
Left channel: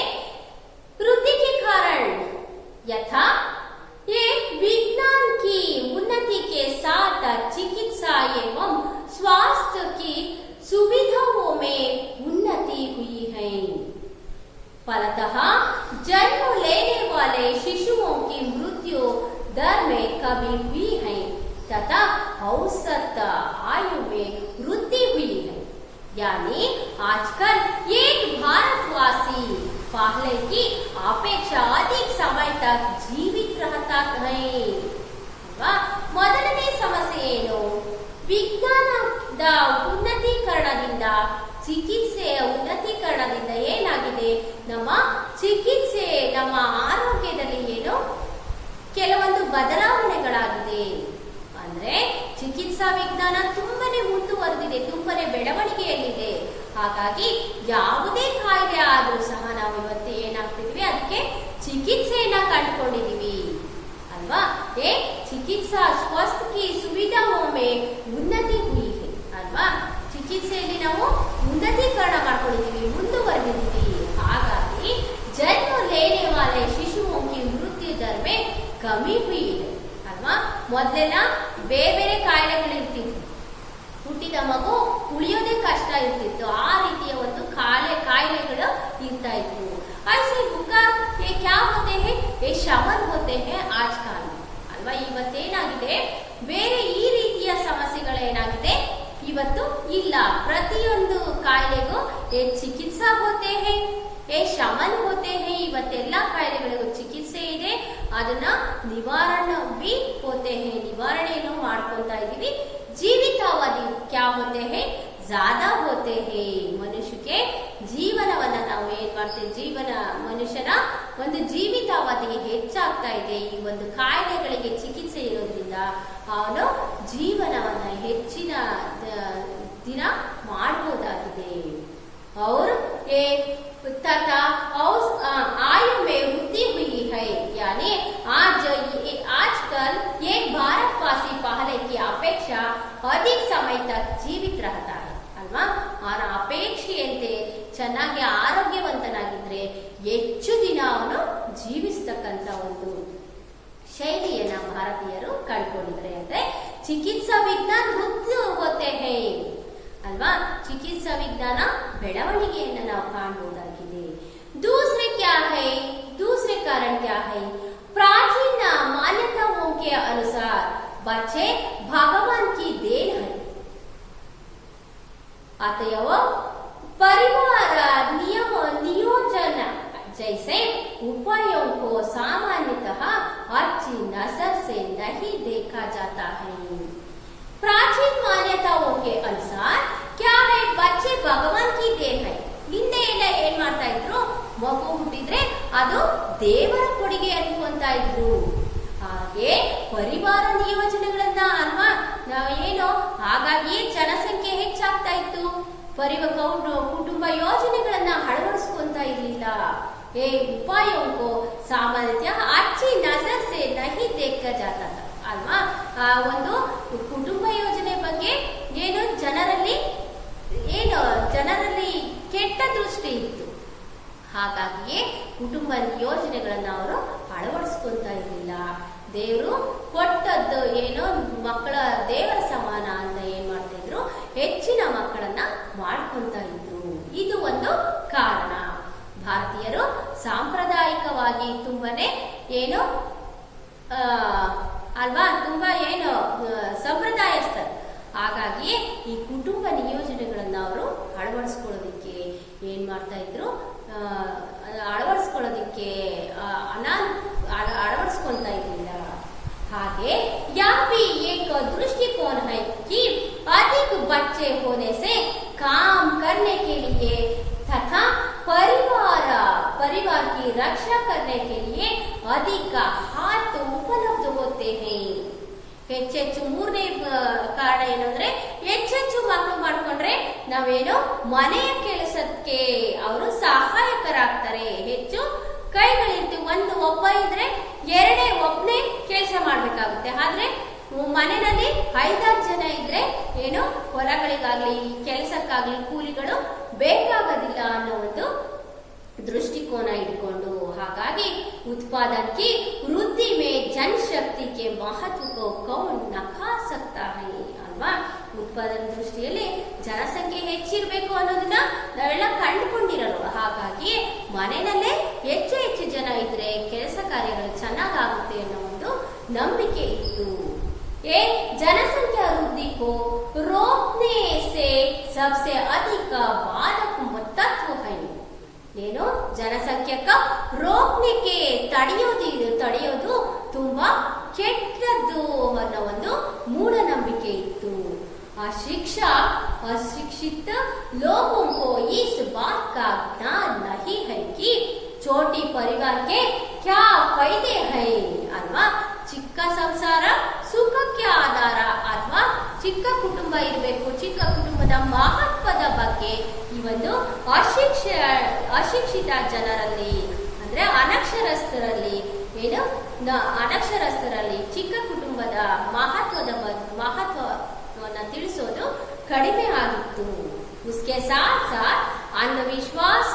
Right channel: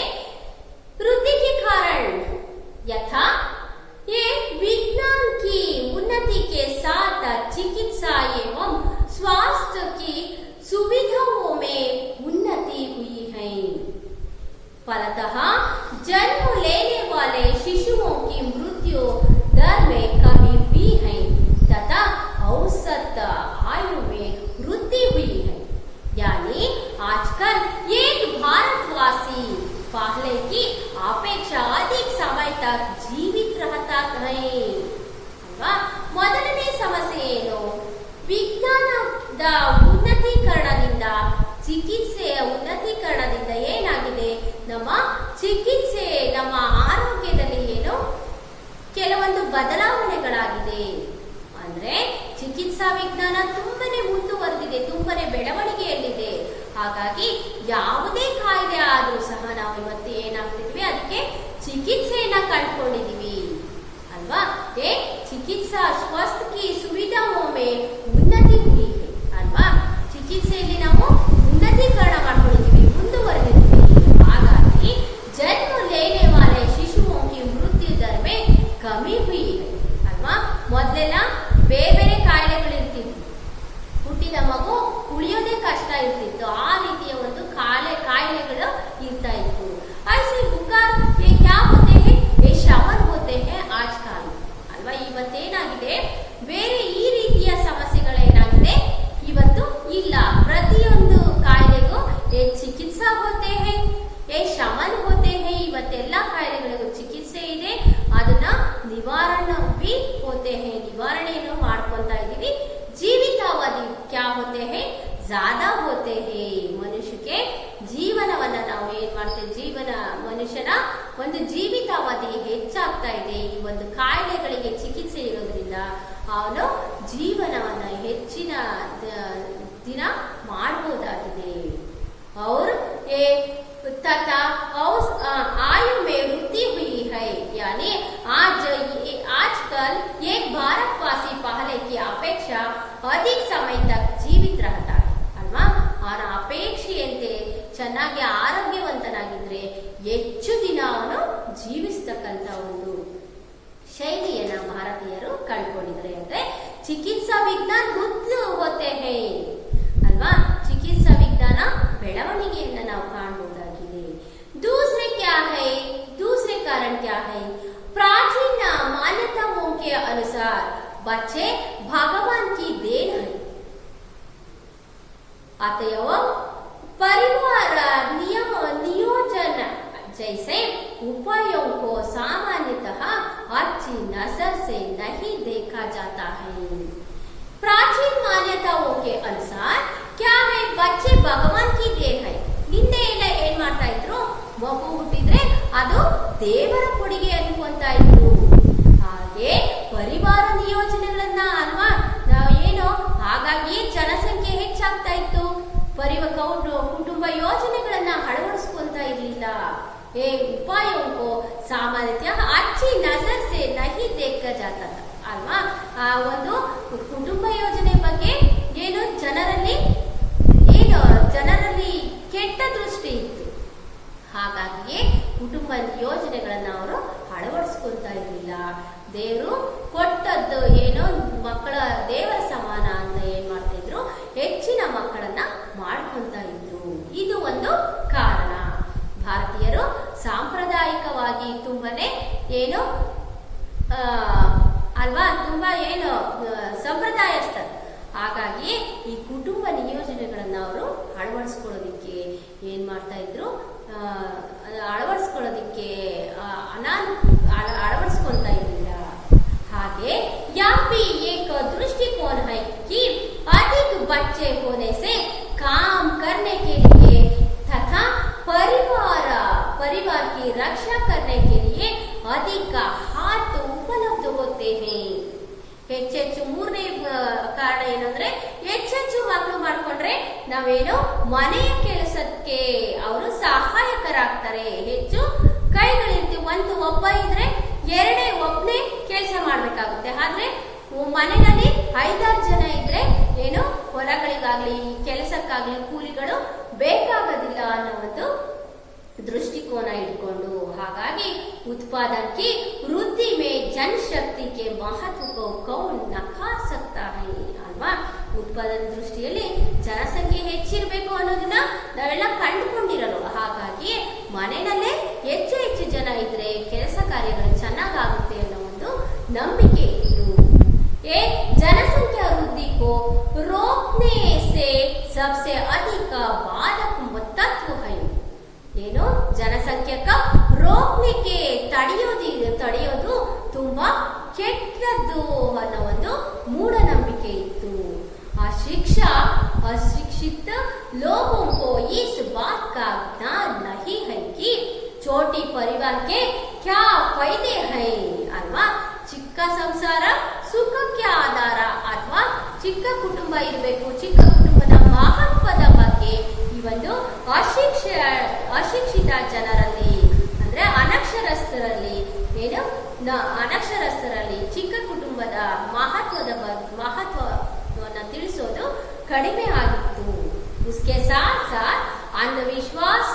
वृद्धि के कारण यथा ये विज्ञान की उन्नति के साथ चिकित्सा एवं स्वास्थ्य की सुविधाओं में उन्नति हुई है. फलतः जन्म लेने वाले शिशुओं की मृत्यु दर में कमी हुई है तथा औसत आयु में वृद्धि हुई है. यानी आजकल एक भारतवासी पहले की अपेक्षा अधिक समय तक जीवित रहता है अल्वा. ಮೊದಲನೇ ಸಮಸ್ಯೆ ಏನು? ವಿಜ್ಞಾನದ ಉನ್ನತೀಕರಣದಿಂದ ಚಿಕಿತ್ಸೆಯ ಉನ್ನತೀಕರಣದಿಂದ ಏನಾಗಿದೆ, ನಮ್ಮ ಚಿಕಿತ್ಸೆ ನಮ್ಮ ಆರೋಗ್ಯದಲ್ಲಿ ಏನು ಕೆಲವೊಂದು ಬದಲಾವಣೆಗಳಾಗಿದೆ. ಅಂದ್ರೆ ಚಿಕಿತ್ಸಾ ವಿಜ್ಞಾನ ತುಂಬಾನೇ ಮುಂದುವರೆದಿದೆ, ತುಂಬಾನೇ ಬೆಳವಣಿಗೆಯಲ್ಲಿದೆ. ಹಾಗಾಗಿ ಯಾವುದೇ ಕಾಯಿಲೆ ಆದ್ರೂ ಸಹ ನಾವು ಇವತ್ತು ಏನಾಗ್ತಿದ್ವಿ, ಅದಕ್ಕೆ ಚಿಕಿತ್ಸೆಯನ್ನ ಕಂಡುಕೊಂಡಿದೀವಿ ಅಲ್ವಾ. ಚಿಕಿತ್ಸಾ ಸ್ವಾಸ್ಥ್ಯ ಕಿ ಸುವಿಧಾओं में ಉನ್ನತಿ ಹುಯಿ है ಅಲ್ವಾ. ಚಿಕಿತ್ಸೆಯಲ್ಲಿ ನಾವು ಉನ್ನತಿ ಸಶಕ್ತೀಕರಣ ಮಾಡ್ಕೊಂಡಿದ್ದೀವಿ, ಮುಂದುವರೆದಿದ್ದೀವಿ. ಹಾಗಾಗಿ ಜನ್ಮ ಲೇನೆ ವಾಲೆ ಶಿಶುओं की मृत्यु दर में कमी हुई है ಅಲ್ವಾ. ಮೊದಲೆಲ್ಲ ಬೇರೆ ಬೇರೆ ಕಾಯಿಲೆಗಳಿರ್ತಿದ್ವು, ಹುಟ್ಟಿದ ಮಗು ಉಳಿಯೋದೇ ಕಷ್ಟ ಇರ್ತಿತ್ತು, ಆ ರೀತಿಯ ಒಂದು ಕಾಯಿಲೆಗಳು ಇರ್ತಾ ಇತ್ತು. ऐसे बुखार ये क्या होते हैं, ये शमन होते हैं आजकल ಅಲ್ವಾ. ಇವತ್ತೇನಾಗಿದೆ, ಬೇರೆ ಈ ರೀತಿಯ ಸಮಸ್ಯೆಗಳೇನಾಗಿದೆ ಇವತ್ತು ಇಲ್ಲ. ಪ್ರತಿಯೊಂದು ಕಾಯಿಲೆಗೂ ಚಿಕಿತ್ಸಾ ಹೋತೆ ಹೇ, ಶಮನ್ ಹೋತೆ ಹೇ. ಇವತ್ತೆಲ್ಲ ಕಾಯಿಲೆಗಳಿಗೂ ಚಿಕಿತ್ಸೆ ಇದೆ, ಅದನ್ನ ನಿವಾರಣೆ ಬಿ ಹೋತೆ ಹೇ, ನಿವಾರಣೆಯನ್ನು ಮಾಡ್ಕೊಂತಾ ಇದೀವಿ. ಜೀವಿತಾವಧಿ ಕ್ಯಾ ಹೋತೆ ಹೇ, ಜ್ಯಾದಾ ಹೋತೆ ಹೇ. ಮನುಷ್ಯಕ್ಕೆ ಜೀವನವನ್ನ ನಾವು ಏನ್ ಮಾಡ್ತೇವೆ, ಮನುಷ್ಯನ ಒಂದು ಜೀವಿತಾವಧಿ ಹೆಚ್ಚಾಗ್ತಾ ಇದೆ. ಈ ಒಂದು ಕಾಯಿಲೆಗಳಿಗೆ ಚಿಕಿತ್ಸೆ ಇರೋದ್ರಿಂದ ಅವನು ಜೀವನವನ್ನ ಹೆಚ್ಚಿನ ದಿನ ಮಾಡಬಹುದಾಗಿದೆ. और ये तथा आयु में वृद्धि हुई है, यानी आजकल एक भारतवासी पहले की अपेक्षा अधिक समय तक जीवित रहता है ಅಲ್ವಾ. ಅವನ ಅಪೇಕ್ಷೆಯಂತೆ ಚೆನ್ನಾಗಿ ಆರೋಗ್ಯವಂತನಾಗಿದ್ರೆ ಹೆಚ್ಚು ದಿನ ಅವನು ಜೀವಿಸ್ತಕ್ಕಂತ ಒಂದು ಶೈಲಿಯನ್ನ ಭಾರತೀಯರು ಕಂಡುಕೊಂಡಿದ್ದಾರೆ. ಅಂದ್ರೆ ಚಿಕಿತ್ಸಾ ವಿಜ್ಞಾನ ವೃದ್ಧಿ ಹೋತೆ ಹೇ ಅಲ್ವಾ. ಚಿಕಿತ್ಸಾ ವಿಜ್ಞಾನ ಬೆಳವಣಿಗೆಯನ್ನ ನಾವು ಕಾಣಬಹುದಾಗಿದೆ. दूसरे क्या है, दूसरे कारण क्या है, प्राचीन मान्यताओं के अनुसार बच्चे भगवान की देन है, अतएव परिवार नियोजन जैसे उपायों को सामान्यतः अच्छी नजर से नहीं देखा जाता है. प्राचीन मान्यताओं के अनुसार क्या है, बच्चे भगवान की देन है. ಹಿಂದೆ ಎಲ್ಲ ಏನ್ ಮಾಡ್ತಾ ಇದ್ರು, ಮಗು ಹುಟ್ಟಿದ್ರೆ ಅದು ದೇವರ ಕೊಡುಗೆ ಅನ್ಕೊಂತ ಇದ್ರು. ಹಾಗೆ ಪರಿವಾರ ನಿಯೋಜನೆಗಳನ್ನ ಅಲ್ವಾ ಏನು, ಹಾಗಾಗಿ ಜನಸಂಖ್ಯೆ ಹೆಚ್ಚಾಗ್ತಾ ಇತ್ತು. ಕುಟುಂಬ ಯೋಜನೆಗಳನ್ನ ಅಳವಡಿಸ್ಕೊಂತ ಇರ್ಲಿಲ್ಲ. ಉಪಾಯೋಂಕೋ ಸಾಮಾನ್ಯತಃ ಅಚ್ಚಿ ನಜರ್ ಸೆ ನಹಿ ದೇಖ ಜಾತಾ ಅಲ್ವಾ. ಒಂದು ಕುಟುಂಬ ಯೋಜನೆ ಬಗ್ಗೆ ಜನರಲ್ಲಿ ಕೆಟ್ಟ ದೃಷ್ಟಿ ಇತ್ತು. ಹಾಗಾಗಿಯೇ ಕುಟುಂಬ ಯೋಜನೆಗಳನ್ನ ಅವರು ಅಳವಡಿಸ್ಕೊಂತ ಇರಲಿಲ್ಲ. ದೇವರು ಕೊಟ್ಟದ್ದು ಮಕ್ಕಳ ದೇವರ ಸಮಾನ ಅಂತ ಏನ್ ಮಾಡ್ತಾ ಇದ್ರು, ಹೆಚ್ಚಿನ ಮಕ್ಕಳನ್ನ ಮಾಡ್ಕೊಂತ ಇದ್ರು. ಇದು ಒಂದು ಕಾರಣ. ಭಾರತೀಯರು ಸಾಂಪ್ರದಾಯಿಕವಾಗಿ ತುಂಬಾನೇ ಅಲ್ವಾ, ತುಂಬಾ ಸಂಪ್ರದಾಯಸ್ಥರು. ಹಾಗಾಗಿ ಈ ಕುಟುಂಬ ನಿಯೋಜನೆಗಳನ್ನ ಅವರು ಅಳವಡಿಸ್ಕೊಳ್ಳೋದಿಕ್ಕೆ ಏನ್ ಮಾಡ್ತಾ ಇದ್ರು, ಅಳವಡಿಸ್ಕೊಂತ ಇರಲಿಲ್ಲ. ಹಾಗೆ ಯಾಪಿ ಏಕ दृष्टिकोण है कि अधिक बच्चे होने से काम करने के लिए तथा परिवार की रक्षा करने के लिए अधिक हाथ उपलब्ध होते हैं. ಹೆಚ್ಚೆಚ್ಚು ಮೂರನೇ ಕಾರಣ ಏನಂದ್ರೆ, ಹೆಚ್ಚೆಚ್ಚು ಮಕ್ಕಳು ಮಾಡ್ಕೊಂಡ್ರೆ ನಾವೇನು ಮನೆಯ ಕೆಲಸಕ್ಕೆ ಅವರು ಸಹಾಯಕರಾಗ್ತಾರೆ. ಹೆಚ್ಚು ಕೈಗಳಿರ್ತೀವಿ. ಒಬ್ಬ ಇದ್ರೆ ಒಬ್ಬನೇ ಕೆಲಸ ಮಾಡ್ಬೇಕಾಗುತ್ತೆ. ಆದ್ರೆ ಮನೆಯಲ್ಲಿ 5-6 ಜನ ಇದ್ರೆ ಹೊಲಗಳಿಗಾಗ್ಲಿ ಕೆಲಸಕ್ಕಾಗ್ಲಿ ಕೂಲಿಗಳು ಬೇಕಾಗೋದಿಲ್ಲ ಅನ್ನೋ ಒಂದು दृष्टिकोण इट्ಕೊಂಡು, ಹಾಗಾಗಿ उत्पादन की वृद्धि में जनशक्ति के महत्व को कौन नका सकता है ಅಲ್ವಾ. ಉತ್ಪಾದನೆ ದೃಷ್ಟಿಯಲ್ಲಿ ಜನಸಂಖ್ಯೆ ಹೆಚ್ಚಿರಬೇಕು ಅನ್ನೋದನ್ನ ನಾವೆಲ್ಲ ಕಂಡುಕೊಂಡಿರೋರು. ಹಾಗಾಗಿ ಮನೆಯಲ್ಲೇ ಹೆಚ್ಚು ಜನ ಇದ್ರೆ ಕೆಲಸ ಕಾರ್ಯಗಳು ಚೆನ್ನಾಗಾಗುತ್ತೆ ಅನ್ನೋ ಒಂದು ನಂಬಿಕೆ ಇತ್ತು. जनसंख्या वृद्धि को रोकने से सबसे अधिक बाधक तत्व है. ಜನಸಂಖ್ಯಕ ರೋಕ್ಲಿಕ್ಕೆ ತಡೆಯೋದು ತುಂಬಾ ಕೆಟ್ಟದ್ದು ಅನ್ನೋ ಒಂದು ಮೂಢನಂಬಿಕೆ ಇತ್ತು. अशिक्षित लोगों को इस बात का ज्ञान नहीं है कि छोटी परिवार के क्या फायदे हैं अथवा ಚಿಕ್ಕ ಸಂಸಾರ ಸುಖಕ್ಕೆ ಆಧಾರ ಅಥವಾ ಚಿಕ್ಕ ಕುಟುಂಬ ಇರಬೇಕು, ಚಿಕ್ಕ ಕುಟುಂಬದ ಮಹತ್ವದ ಬಗ್ಗೆ ಈ ಒಂದು ಅಶಿಕ್ಷಿತ ಜನರಲ್ಲಿ ಅಂದ್ರೆ ಅನಕ್ಷರಸ್ಥರಲ್ಲಿ ಚಿಕ್ಕ ಕುಟುಂಬದ ಮಹತ್ವವನ್ನ ತಿಳಿಸೋದು ಕಡಿಮೆ ಆಗಿತ್ತು. उसके साथ साथ अंधविश्वास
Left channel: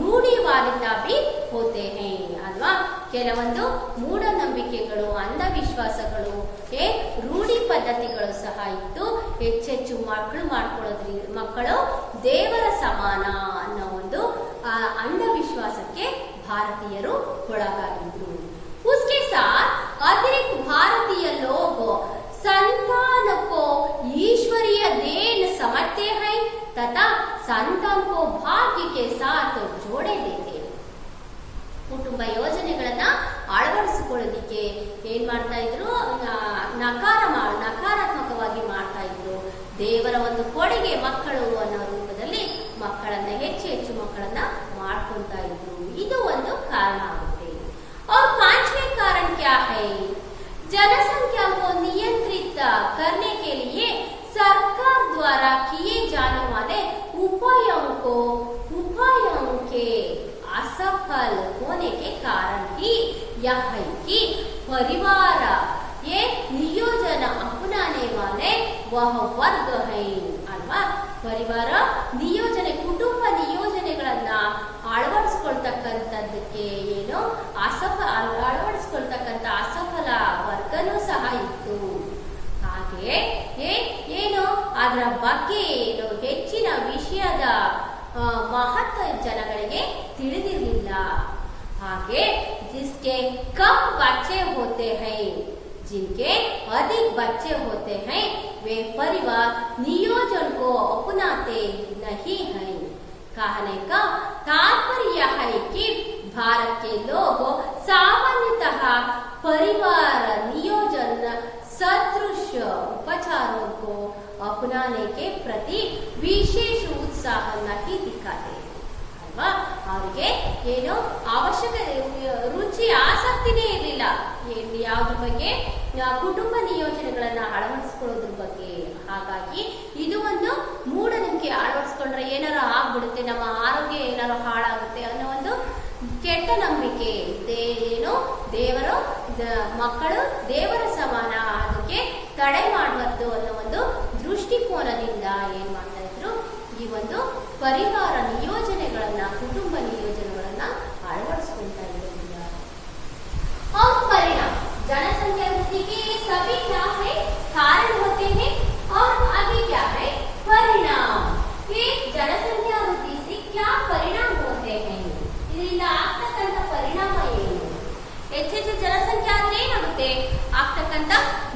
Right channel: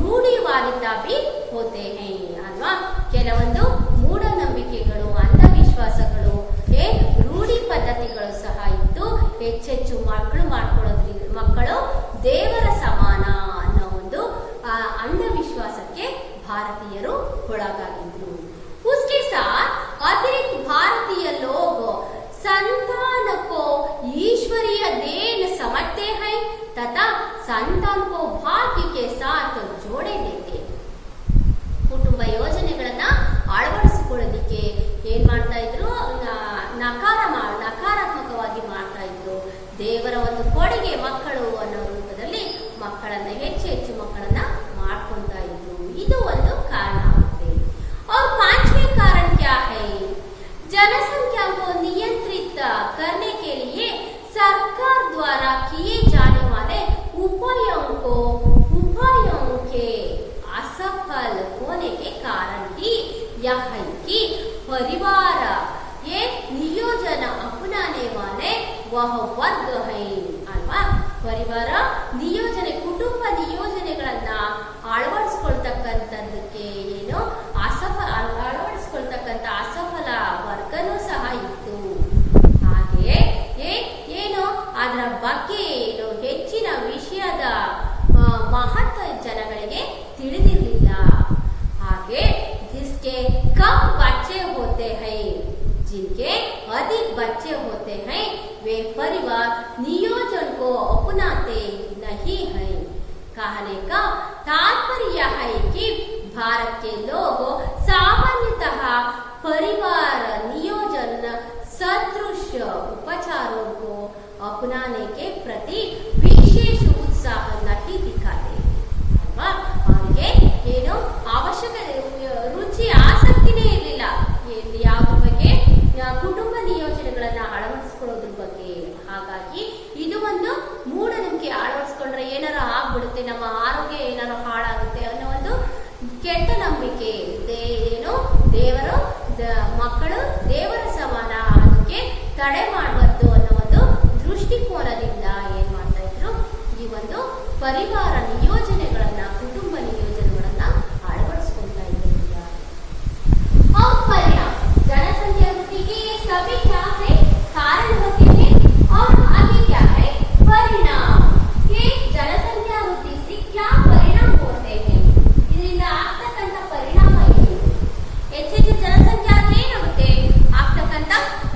ರೂಢಿವಾದಿತಾ भी होते हैं ಅಲ್ವಾ. ಕೆಲವೊಂದು ಮೂಢನಂಬಿಕೆಗಳು, ಅಂಧವಿಶ್ವಾಸಗಳು, ರೂಢಿ ಪದ್ಧತಿಗಳು ಸಹ ಇದ್ದು ಹೆಚ್ಚೆಚ್ಚು ಮಕ್ಕಳು ದೇವರ ಸಮಾನ ಅನ್ನೋ ಒಂದು ಅಂಧವಿಶ್ವಾಸಕ್ಕೆ ಭಾರತೀಯರು ಒಳಗಾಗಿದ್ರು. उसके साथ अतिरिक्त भारतीय लोग संतान को ईश्वरीय देन समझते हैं तथा संतान को भाग्य के साथ जोड़े देते हैं. ಕುಟುಂಬ ಯೋಜನೆಗಳನ್ನ ಅಳವಡಿಸಿಕೊಳ್ಳೋದಿಕ್ಕೆ ಏನ್ ಮಾಡ್ತಾ ಇದ್ರು, ನಕಾರಾತ್ಮಕವಾಗಿ ಮಾಡ್ತಾ ಇದ್ರು. ದೇವರ ಒಂದು ಕೊಡುಗೆ ಮಕ್ಕಳು ಅನ್ನೋ ರೂಪದಲ್ಲಿ ಮಕ್ಕಳನ್ನ ಹೆಚ್ಚು ಮಕ್ಕಳನ್ನ ಮಾಡ್ಕೊಂತ ಇದ್ರು. ಇದು ಒಂದು ಕಾರಣ ಆಗುತ್ತೆ. और पांचवें कारण क्या है? जनसंख्या को नियंत्रित करने के लिए सरकार द्वारा किए जाने वाले उपायों के असफल होने के कारण ही यह है कि परिवार ये नियोजन अपनाने वाले वह वर्ग है ಅಲ್ವಾ. ಪರಿವಾರ ನಿಯೋಜನೆ, ಕುಟುಂಬ ನಿಯೋಜನೆಗಳನ್ನ ಅಳವಡಿಸ್ಕೊಳ್ತಕ್ಕಂಥದ್ದಕ್ಕೆ ಅಳವಡಿಸ್ಕೊಳ್ತಕ್ಕಂಥ ಅಸಫಲ ವರ್ಗನೂ ಸಹ ಇತ್ತು. ಹಾಗೆ ಅದರ ಬಗ್ಗೆ ಹೆಚ್ಚಿನ ವಿಷಯದ ಮಹತ್ವ ಜನಗಳಿಗೆ ತಿಳಿದಿರಲಿಲ್ಲ. ಹಾಗೆ जिसके कम बच्चे होते हैं, जिनके अधिक बच्चे होते हैं, वे परिवार नियोजन को अपनाते नहीं हैं. कहने का तात्पर्य है कि भारत के लोग सामान्यतः परिवार नियोजन सदृश उपचारों को अपनाने के प्रति विशेष उत्साह नहीं दिखाते अल्वा. ಅವರಿಗೆ ಅವಶ್ಯಕ ರುಚಿ ಆಸಕ್ತಿನೇ ಇರಲಿಲ್ಲ ಯಾವ್ದ್ರ ಬಗ್ಗೆ, ಕುಟುಂಬ ನಿಯೋಜನೆಗಳನ್ನ ಅಳವಡಿಸ್ಕೊಳ್ಳೋದ್ರ ಬಗ್ಗೆ. ಹಾಗಾಗಿ ಇದು ಒಂದು ಮೂಢನಂಬಿಕೆ. ಅಳವಡಿಸ್ಕೊಂಡ್ರೆ ಏನಾರ ಆಗ್ಬಿಡುತ್ತೆ, ನಮ್ಮ ಆರೋಗ್ಯ ಏನಾರು ಹಾಳಾಗುತ್ತೆ ಅನ್ನೋ ಒಂದು ಕೆಟ್ಟ ನಂಬಿಕೆ. ದೇವರು ಮಕ್ಕಳು ದೇವರ ಸಮಾನ, ಅದಕ್ಕೆ ತಡೆ ಮಾಡಬಾರ್ದು ಅನ್ನೋ ಒಂದು ದೃಷ್ಟಿಕೋನದಿಂದ ಏನ್ ಮಾಡ್ತಾ ಇದ್ರು, ಈ ಒಂದು ಪರಿವಾರ ನಿಯೋಜನೆಗಳನ್ನ, ಕುಟುಂಬ ನಿಯೋಜನೆಗಳನ್ನ ಅಳವಡಿಸ್ಕೊಳ್ತಾ ಇದ್ದಿಲ್ಲ. और परिणाम जनसंख्या वृद्धि के सभी क्या है? कारण होते हैं. और आगे क्या है? परिणाम. ये जनसंख्या वृद्धि से क्या परिणाम होते हैं? ಇದರಿಂದ ಆಗ್ತಕ್ಕಂಥ ಪರಿಣಾಮ ಏನು? ಹೆಚ್ಚೆಚ್ಚು ಜನಸಂಖ್ಯೆ ಆದ್ರೆ ಏನಾಗುತ್ತೆ, ಆಗ್ತಕ್ಕಂಥ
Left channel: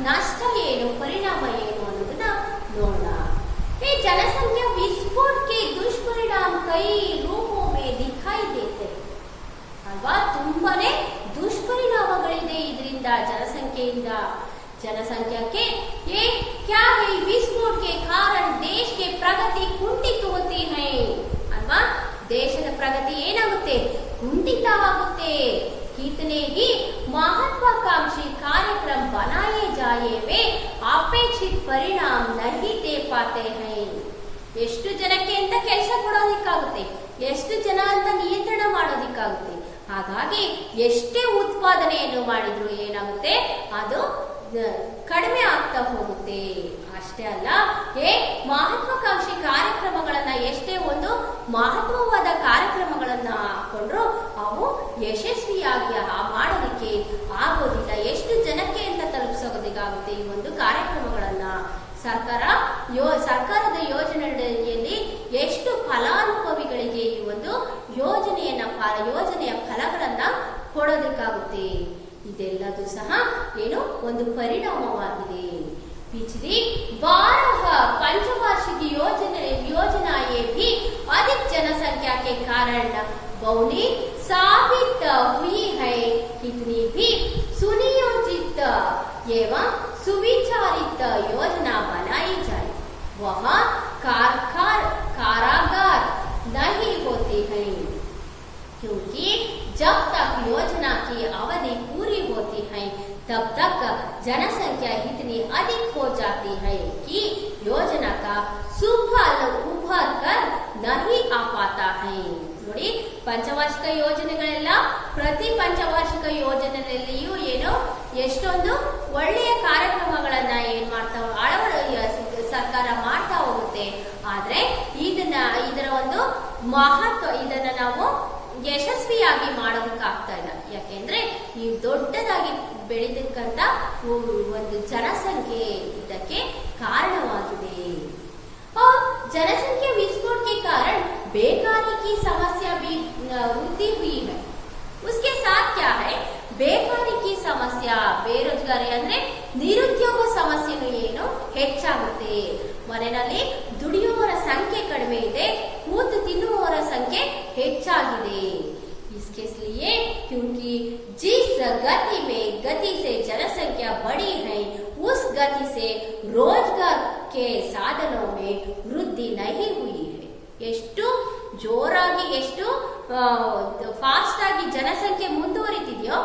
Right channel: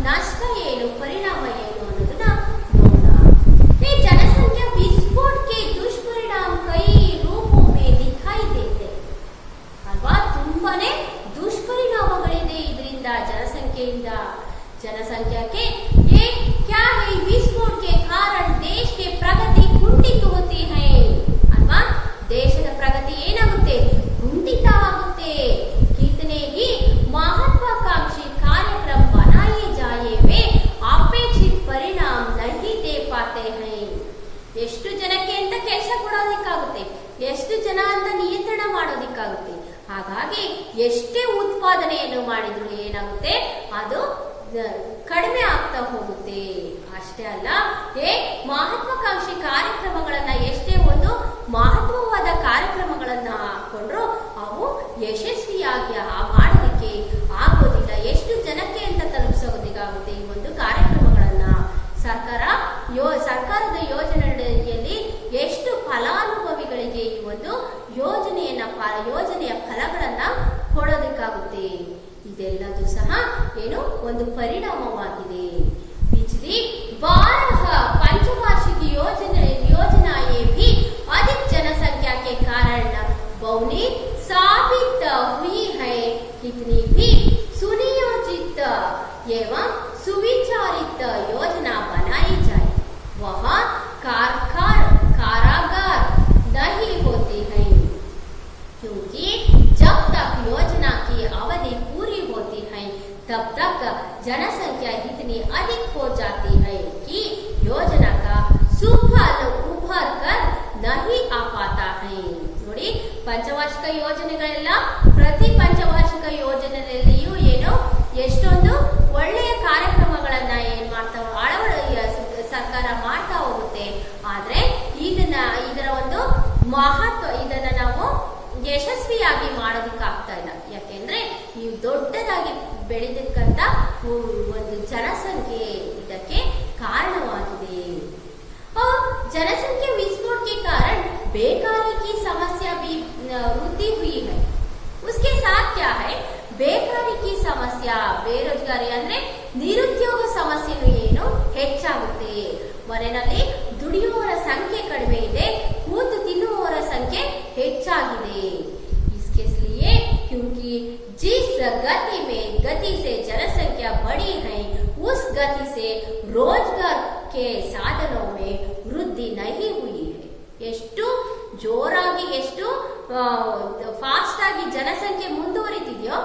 ನಷ್ಟ ಏನು, ಪರಿಣಾಮ ಏನು ಅನ್ನೋದನ್ನ ನೋಡೋಣ. ये जनसंख्या विस्फोट के दुष्परिणाम कई रूपों में दिखाई देते ಅಲ್ವಾ. ತುಂಬಾನೇ ದುಷ್ಪರಿಣಾಮಗಳಿದೆ ಇದರಿಂದ, जनसंख्या के क्या है? विस्फोट के कारण देश के प्रगति कुंठित होती है ಅಲ್ವಾ. ದೇಶದ ಪ್ರಗತಿ ಏನಾಗುತ್ತೆ, ಕುಂಠಿತ ಆಗುತ್ತೆ. कितने ही महत्वाकांक्षी कार्यक्रम बनाए जाए वे अपेक्षित परिणाम नहीं दे पाते हैं. ಎಷ್ಟು ಜನಕ್ಕೆ ಅಂತ ಕೆಲಸ ಕೊಡೋದಿಕ್ಕಾಗುತ್ತೆ, ಎಷ್ಟು ಜನ ಅಂತ ನಿಯಂತ್ರಣ ಮಾಡೋದಿಕ್ಕಾಗುತ್ತೆ. ಹಾಗಾಗಿ ಎಷ್ಟೇ ಉತ್ಪಾದನೆಯನ್ನು ಮಾಡಿದ್ರು ಏನಾಗುತ್ತೆ, ಅದು ಕಡಿಮೆ ಆಗ್ತಾ ಹೋಗುತ್ತೆ. ಅಷ್ಟೇ ಅಲ್ಲ, ಮಹತ್ವಾಕಾಂಕ್ಷಿ ಕಾರ್ಯಕ್ರಮಗಳನ್ನ, ಎಷ್ಟೇ ಒಂದು ಮಹತ್ವವಾದ ಕಾರ್ಯಕ್ರಮಗಳನ್ನ ಹಾಕೊಂಡ್ರು ಅವು ಯಶಸ್ವಿಯಾಗಿ ಮಾಡೋದಕ್ಕೆ ಆಗೋದಿಲ್ಲ. ಎಷ್ಟು ಜನಕ್ಕೆ ಅಂತ ತಲುಪಿಸೋದಿಕ್ಕಾಗುತ್ತೆ ಈ ಒಂದು ಕಾರ್ಯಕ್ರಮಗಳನ್ನ. ಸರ್ಕಾರದ ಯೋಜನೆಯಲ್ಲಿ ಎಷ್ಟು ಫಲಾನುಭವಿಗಳಿಗೆ ಈ ಒಂದು ಯೋಜನೆಯ ಫಲಗಳನ್ನ ಕೊಡೋದಕ್ಕಾಗುತ್ತೆ. ಇದೆಲ್ಲದೂ ಸಹ ಒಂದು ಪರಿಣಾಮವಾಗಿದೆ. पिछली 12 पंचवार्षिक योजनाएं भी अधिक जनसंख्या के कारण बहुनी साबित हुई है. कितनी भी सुनियोजित एवं सुविचारित योजना बनाई जाए वह कारागार नहीं होती है, क्योंकि जब तक योजना की अवधि पूरी होती है तब तक जनसंख्या इतनी अधिक हो जाती है कि योजना का सुफल उभर कर नहीं आ पाता है. ನೋಡಿ, ಪಂಚವಾರ್ಷಿಕ ಯೋಜನೆಗಳೆಲ್ಲ ಪ್ರತಿ ಪಂಚವಾರ್ಷಿಕ ಯೋಜನೆಯಲ್ಲಿಯೂ ಎಷ್ಟೊಂದು ಒಳ್ಳೆಯ ಕಾರ್ಯಕ್ರಮಗಳನ್ನ ಸರ್ಕಾರ ಮಾಡ್ತಾ ಹೋಗುತ್ತೆ. ಆದ್ರೆ ಮಹತ್ವ ಇದನ್ನ ನಾವು ಯಶಸ್ವಿಯಾಗಿ ಮಾಡೋದಕ್ಕಾಗ್ತಾ ಇಲ್ಲ. ಯಾಕೆಂದ್ರೆ ಈ ದೊಡ್ಡದಾಗಿ ಬೆಳೆದಕ್ಕಂತ ಒಂದು ಜನಸಂಖ್ಯೆ ಇದಕ್ಕೆ ಕಾರಣವಾಗಿದೆ. और जनसंख्या विस्फोट के कारण बेकारी की समस्या भी वृद्धि हुई है. उसके साथ क्या है, ಬೇಕಾರಿ ಕಿ ಸಮಸ್ಯೆ, ಬೇರೋಜ್ಗಾರಿ ಅಂದ್ರೆ ನಿರುದ್ಯೋಗ ಸಮಸ್ಯೆನೂ ಏನು ಹೆಚ್ಚಾಗುತ್ತೆ. ಮನೆಯಲ್ಲಿ ದುಡಿಯುವವರ ಸಂಖ್ಯೆ ಕಡಿಮೆ ಇದೆ, ಕೂತು ತಿನ್ನುವವರ ಸಂಖ್ಯೆ ಹೆಚ್ಚಾಗಿದೆ. इसके लिए क्योंकि जिस गति से जनसंख्या बढ़ी है उस गति से रोजगार के साधनों में वृद्धि नहीं हुई है. ಎಷ್ಟು ಜೋರಾಗಿ ಎಷ್ಟು ಫಾಸ್ಟ್ ಆಗಿ ಜನಸಂಖ್ಯೆ ಮುಂದುವರಿದಿದೆಯೋ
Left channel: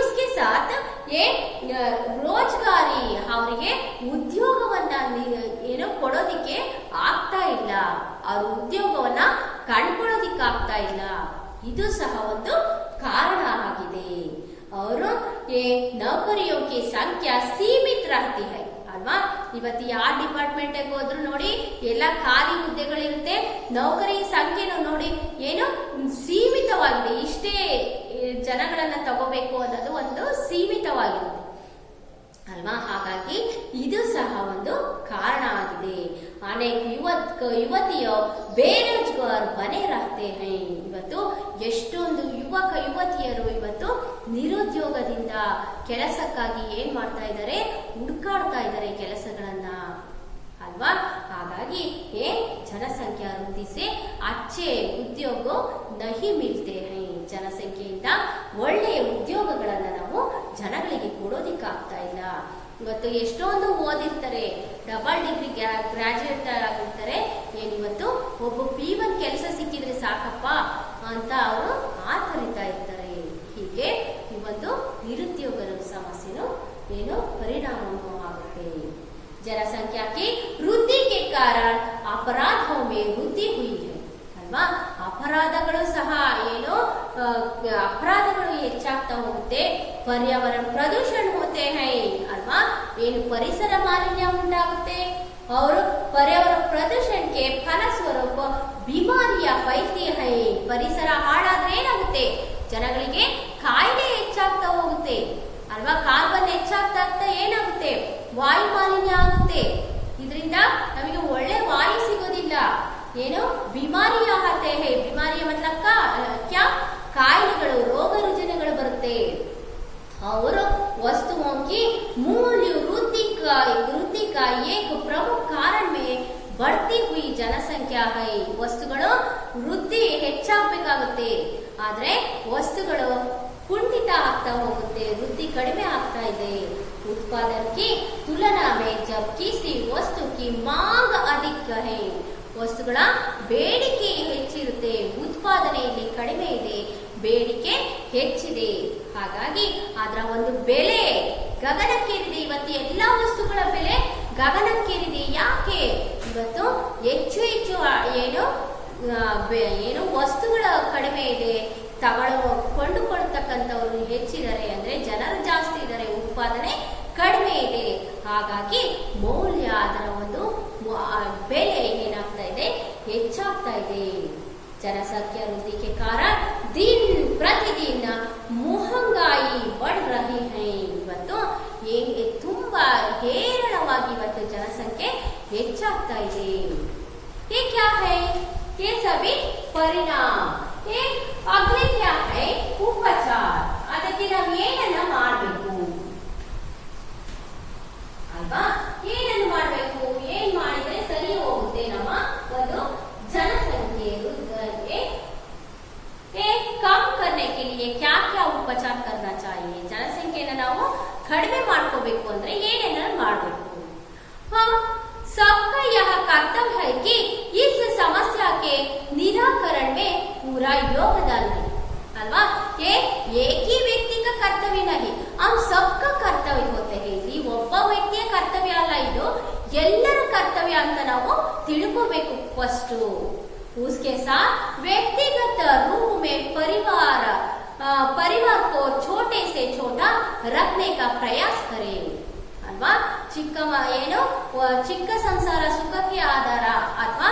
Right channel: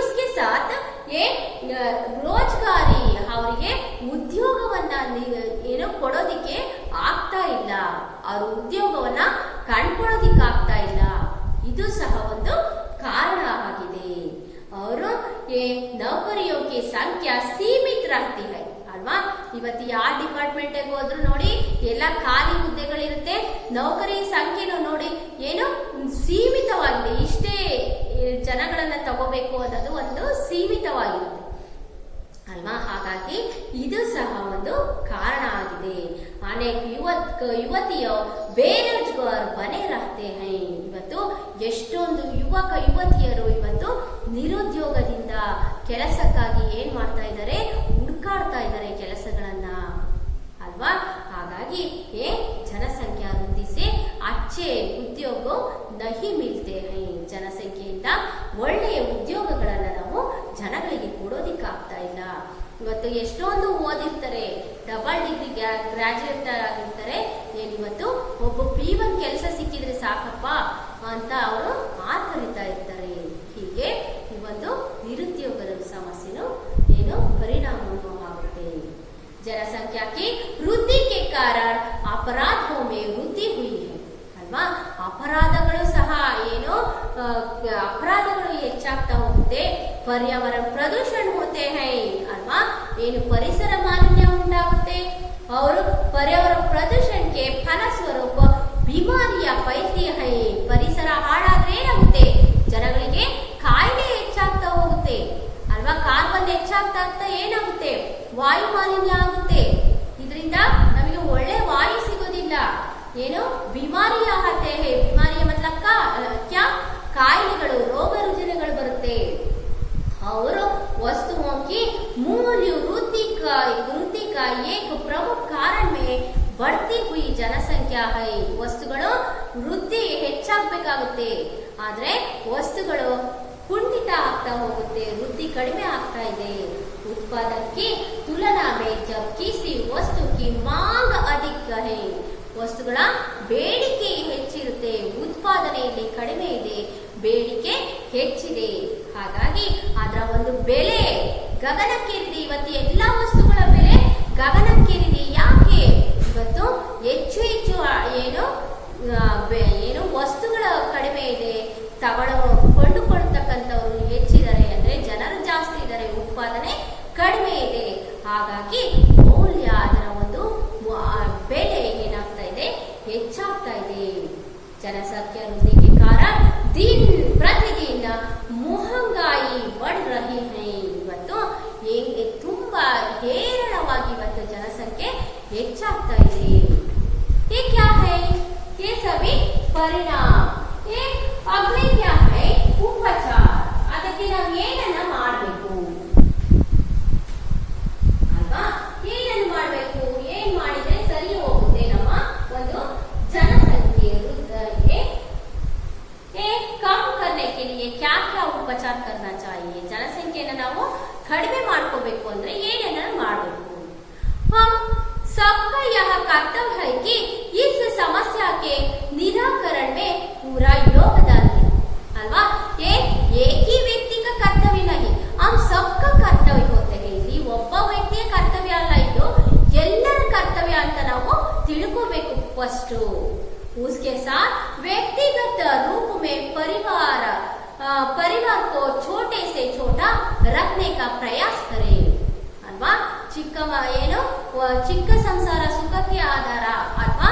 उसके साथ ये ರೋಜ್ಗಾರಿ ಅವರಿಗೆ ಉದ್ಯೋಗವನ್ನ ಏನೋ ಕೊಡೋದಿಕ್ಕೆ ಆಗ್ತಾ ಇಲ್ಲ, ಅವ್ರ ಉದ್ಯೋಗವನ್ನ ಕಂಡುಕೊಳ್ಳೋದಿಕ್ಕೆ ಆಗ್ತಾ ಇಲ್ಲ. ಇದು ಸಹ ಒಂದು ಕಾರಣ ಆಗಿದೆ. ಅವರು ನೌಕರಿಯೋ ಕೆ ಸಂಖ್ಯಾ ಸೀಮಿತ रहती है ಅಲ್ವಾ. ಇವತ್ತು ಯಾವ ಡಿಪಾರ್ಟ್ಮೆಂಟ್ ಹೋದ್ರು ನೋಡಿ ಎಲ್ಲ ಖಾಲಿ ಹುದ್ದೆಗಳಿರುತ್ತೆ, ನೌಕರಿ ಸಂಖ್ಯೆನೂ ನೋಡಿ ಏನು ಸೀಮಿತವಾಗಿದೆ. ಇಷ್ಟೇ ಜನಗಳನ್ನ ತಗೋಬೇಕು ಅನ್ನೋದು ಒಂದು ಸೀಮಿತವಾಗಿರುತ್ತೆ ಅಲ್ವಾ. ಹಾಗಾಗಿ ಇದು ಸಹ ಒಂದು ಕಾರಣ ಆಗಿದೆ. ಅನೇಕ ಯುವತಿಯೋ ಬೇರೋಜ್ಗಾರ್ ಬನೆ ರಹತೆ ಹೈ. ಇವತ್ತು ಎಷ್ಟೊಂದು ಯುವತಿಯರು ಇವತ್ತು ನಿರುದ್ಯೋಗದಿಂದ ಕೆಲಸಕ್ಕಾಗಿ ಏನ್ ಮಾಡ್ತಾ ಇದ್ದಾರೆ, ಹುಡುಕಾಡ್ತಾ ಇದ್ದಾರೆ ಕೆಲಸಗಳನ್ನ ಅಲ್ವಾ. ಹಾಗಾಗಿ ಜನಸಂಖ್ಯಾ ವೃದ್ಧಿ ಸೆ ಅಚ್ಚೆ ಉದ್ಯೋಗ ನಹಿ ಮಿಲ್ತೆ ಹೈ. ಜನಸಂಖ್ಯೆಯಿಂದ ಒಳ್ಳೆಯ ಉದ್ಯೋಗಗಳನ್ನ ನಾವು ಜನಗಳಿಗೆ ಕೊಡೋದಿಕ್ಕಾಗ್ತಾ ಇಲ್ಲ. ಇವತ್ತು ಎಷ್ಟೊಂದು ಓದಿರ್ತಾರೆ, ಡಬಲ್ ಡಿಗ್ರಿ ಗ್ರಾಜುಯೇಟ್ ಆಗಿರ್ತಾರೆ, ಏನಿವತ್ತು ಒಬ್ಬ P1 ಕೆಲಸ ಸಿಕ್ಕಿದ್ರೆ ಸಾಕಪ್ಪ ಅಂತ ಅವರು ಆತರಿತಾ ಇರ್ತಾರೆ. ಹೀಗೆ ಈ ಒಂದು ನಿರುದ್ಯೋಗದ ಸಮಸ್ಯೆನು ಏನು ಪರಿಣಾಮವನ್ನು ಆಗುತ್ತೆ. जनसंख्या की वृद्धि के कारण अपराधों में वृद्धि हुई है ಅಲ್ವಾ. ಅಪರಾಧಗಳು ಸಹ ಏನು ಅಪರಾಧಗಳು ಹೆಚ್ಚಾಗ್ತಾ ಹೋಗುತ್ತೆ. पर्यावरण प्रदूषण होते हैं ಅಲ್ವಾ. ಏನು ಪರಿಸರ ಮಾಲಿನ್ಯ ಉಂಟಾಗುತ್ತೆ. और पर्यावरण प्रदूषण के फलस्वरूप बीमारियां फैलती है. ಪರಿಸರ ಹಾಳಾದ್ರೆ ಏನಾಗುತ್ತೆ, ಜನಗಳಿಗೆ ಕಾಯಿಲೆ ಹೆಚ್ಚಾಗ್ತಾ ಹೋಗುತ್ತೆ ಅಲ್ವಾ. ಕಾರ್ಬನ್ ಹೆಚ್ಚಾಗ್ತಾ ಏನಾಗುತ್ತೆ, ವಾಯು ಮಾಲಿನ್ಯ ಆಗುತ್ತೆ. ಇದರಿಂದ ನಮಗೆ ಒಳ್ಳೆ ವಾಯು ಸಿಗೋದಿಲ್ಲ. ಏನು ಬಿಮಾರಿಯ ಆತೆ ಹೈ. ಬಿಮಾರಿಯ ಮತ್ಲಬ್ ಕ್ಯಾ ಕಾಯಿಲೆಗಳು, ರೋಗ ರುಜಿನಗಳು ಬರುತ್ತೆ. ಅವರು वस्तुओं की मूल्य वृद्धि का एक प्रमुख कारण में बढ़ती हुई जनसंख्या है. ವಸ್ತುಗಳು ವೃದ್ಧಿ ಹೆಚ್ಚಾಗಬೇಕಾಗುತ್ತೆ, ಆದ್ರೆ ವಸ್ತುಗಳು ಕುಂಠಿತ ಆಗ್ತಾ ಹೋಗುತ್ತೆ, ವೃದ್ಧಿ ಕಡಿಮೆ ಆಗ್ತಾ ಇದೆ. उत्पादन की तुलना में जब किसी वस्तु की मांग अधिक है. ವಸ್ತುಗಳ ಬೇಡಿಕೆ ಹೆಚ್ಚಿರುತ್ತೆ, ಉತ್ಪಾದನೆಯಲ್ಲಿ ಕಡಿಮೆ ಇದೆ, ಬೇಡಿಕೆ ಹೆಚ್ಚಿದೆ. ಹಾಗಾಗಿ ಅದರ ಒಂದು ಬೆಲೆ ಗಗನಕ್ಕೇರಿದೆ. ಇವತ್ತು ಎಲ್ಲ ವಸ್ತುಗಳ ಬೆಲೆ ಗಗನಕ್ಕೇರಿದೆ. ಯಾಕೆ? ಇವತ್ತು ಹೆಚ್ಚು ಏನು ವಸ್ತುಗಳ ಕಡಿಮೆ ಇದೆ, ಕೊಂಡುಕೊಳ್ತಕ್ಕಂಥವ್ರು ಹೆಚ್ಚಿದ್ದಾರೆ, ಅಂದ್ರೆ ಜನರು ಜಾಸ್ತಿ ಇದ್ದಾರೆ, ಉತ್ಪಾದನೆ ಕಡಿಮೆ ಇದೆ. ಹಾಗಾಗಿ ಮೌಲ್ಯ, ಅದರ ಒಂದು ಬೆಲೆ ಏನಾಗ್ತಾ ಇದೆ, ಹೆಚ್ಚಾಗ್ತಾ ಇದೆ. ಜನಸಂಖ್ಯಾ ವೃದ್ಧಿ के कारण दिन प्रतिदिन महंगाई बढ़ रही है. ಇವತ್ತು ತುಂಬಾ ಹೇರಳವಾಗಿ ಇವತ್ತು ಜನಸಂಖ್ಯೆ ಹೆಚ್ಚಾಗ್ತಾ ಇದೆ. ये क्या है? ये सभी परिणाम. ये अगले क्या है? उपचार. ಅದಕ್ಕೆ ನಾವು ಏನನ್ನ ಮಾಡಬೇಕು ಅಲ್ವಾ? ಏನನ್ನು ಮಾಡಬೇಕು, ಏನ್ ಮಾಡಿದ್ರೆ ಸರಿ ಹೋಗುತ್ತೆ ನಮ್ಮ ಒಂದು ಜನಸಂಖ್ಯೆ ವೃದ್ಧಿಗೆ कम करने के लिए क्या क्या उपचार करना चाहिए. ಜನಸಂಖ್ಯೆಯನ್ನು ನಾವು ಕಡಿಮೆ ಮಾಡ್ಕೋಬೇಕು ಅಂದ್ರೆ ಏನೇನ ಮಾಡಬೇಕು? सबका यह कर्तव्य है कि इस समस्या के निराकरण में पूरा योगदान दे. अल्वा, ये एक ही व्यक्ति का कर्तव्य नहीं, हम सबका कर्तव्य होते हैं. ಇಲ್ಲಿ ಒಬ್ಬ ವ್ಯಕ್ತಿಯ ಕರ್ತವ್ಯ ಅಲ್ಲ, ಇದು ಎಲ್ಲರ ಕರ್ತವ್ಯ ಅಂತ ನಾವು ತಿಳ್ಕೋಬೇಕು ಫಸ್ಟ್. उसके साथ व्यक्तिगत रूप में परिवार को छोटे से छोटा रखने का प्रयास करें. ಅಲ್ವಾ, ಚಿಕ್ಕ ಸಂಸಾರ ಸುಖಕ್ಕೆ ಆಧಾರ ಅಥವಾ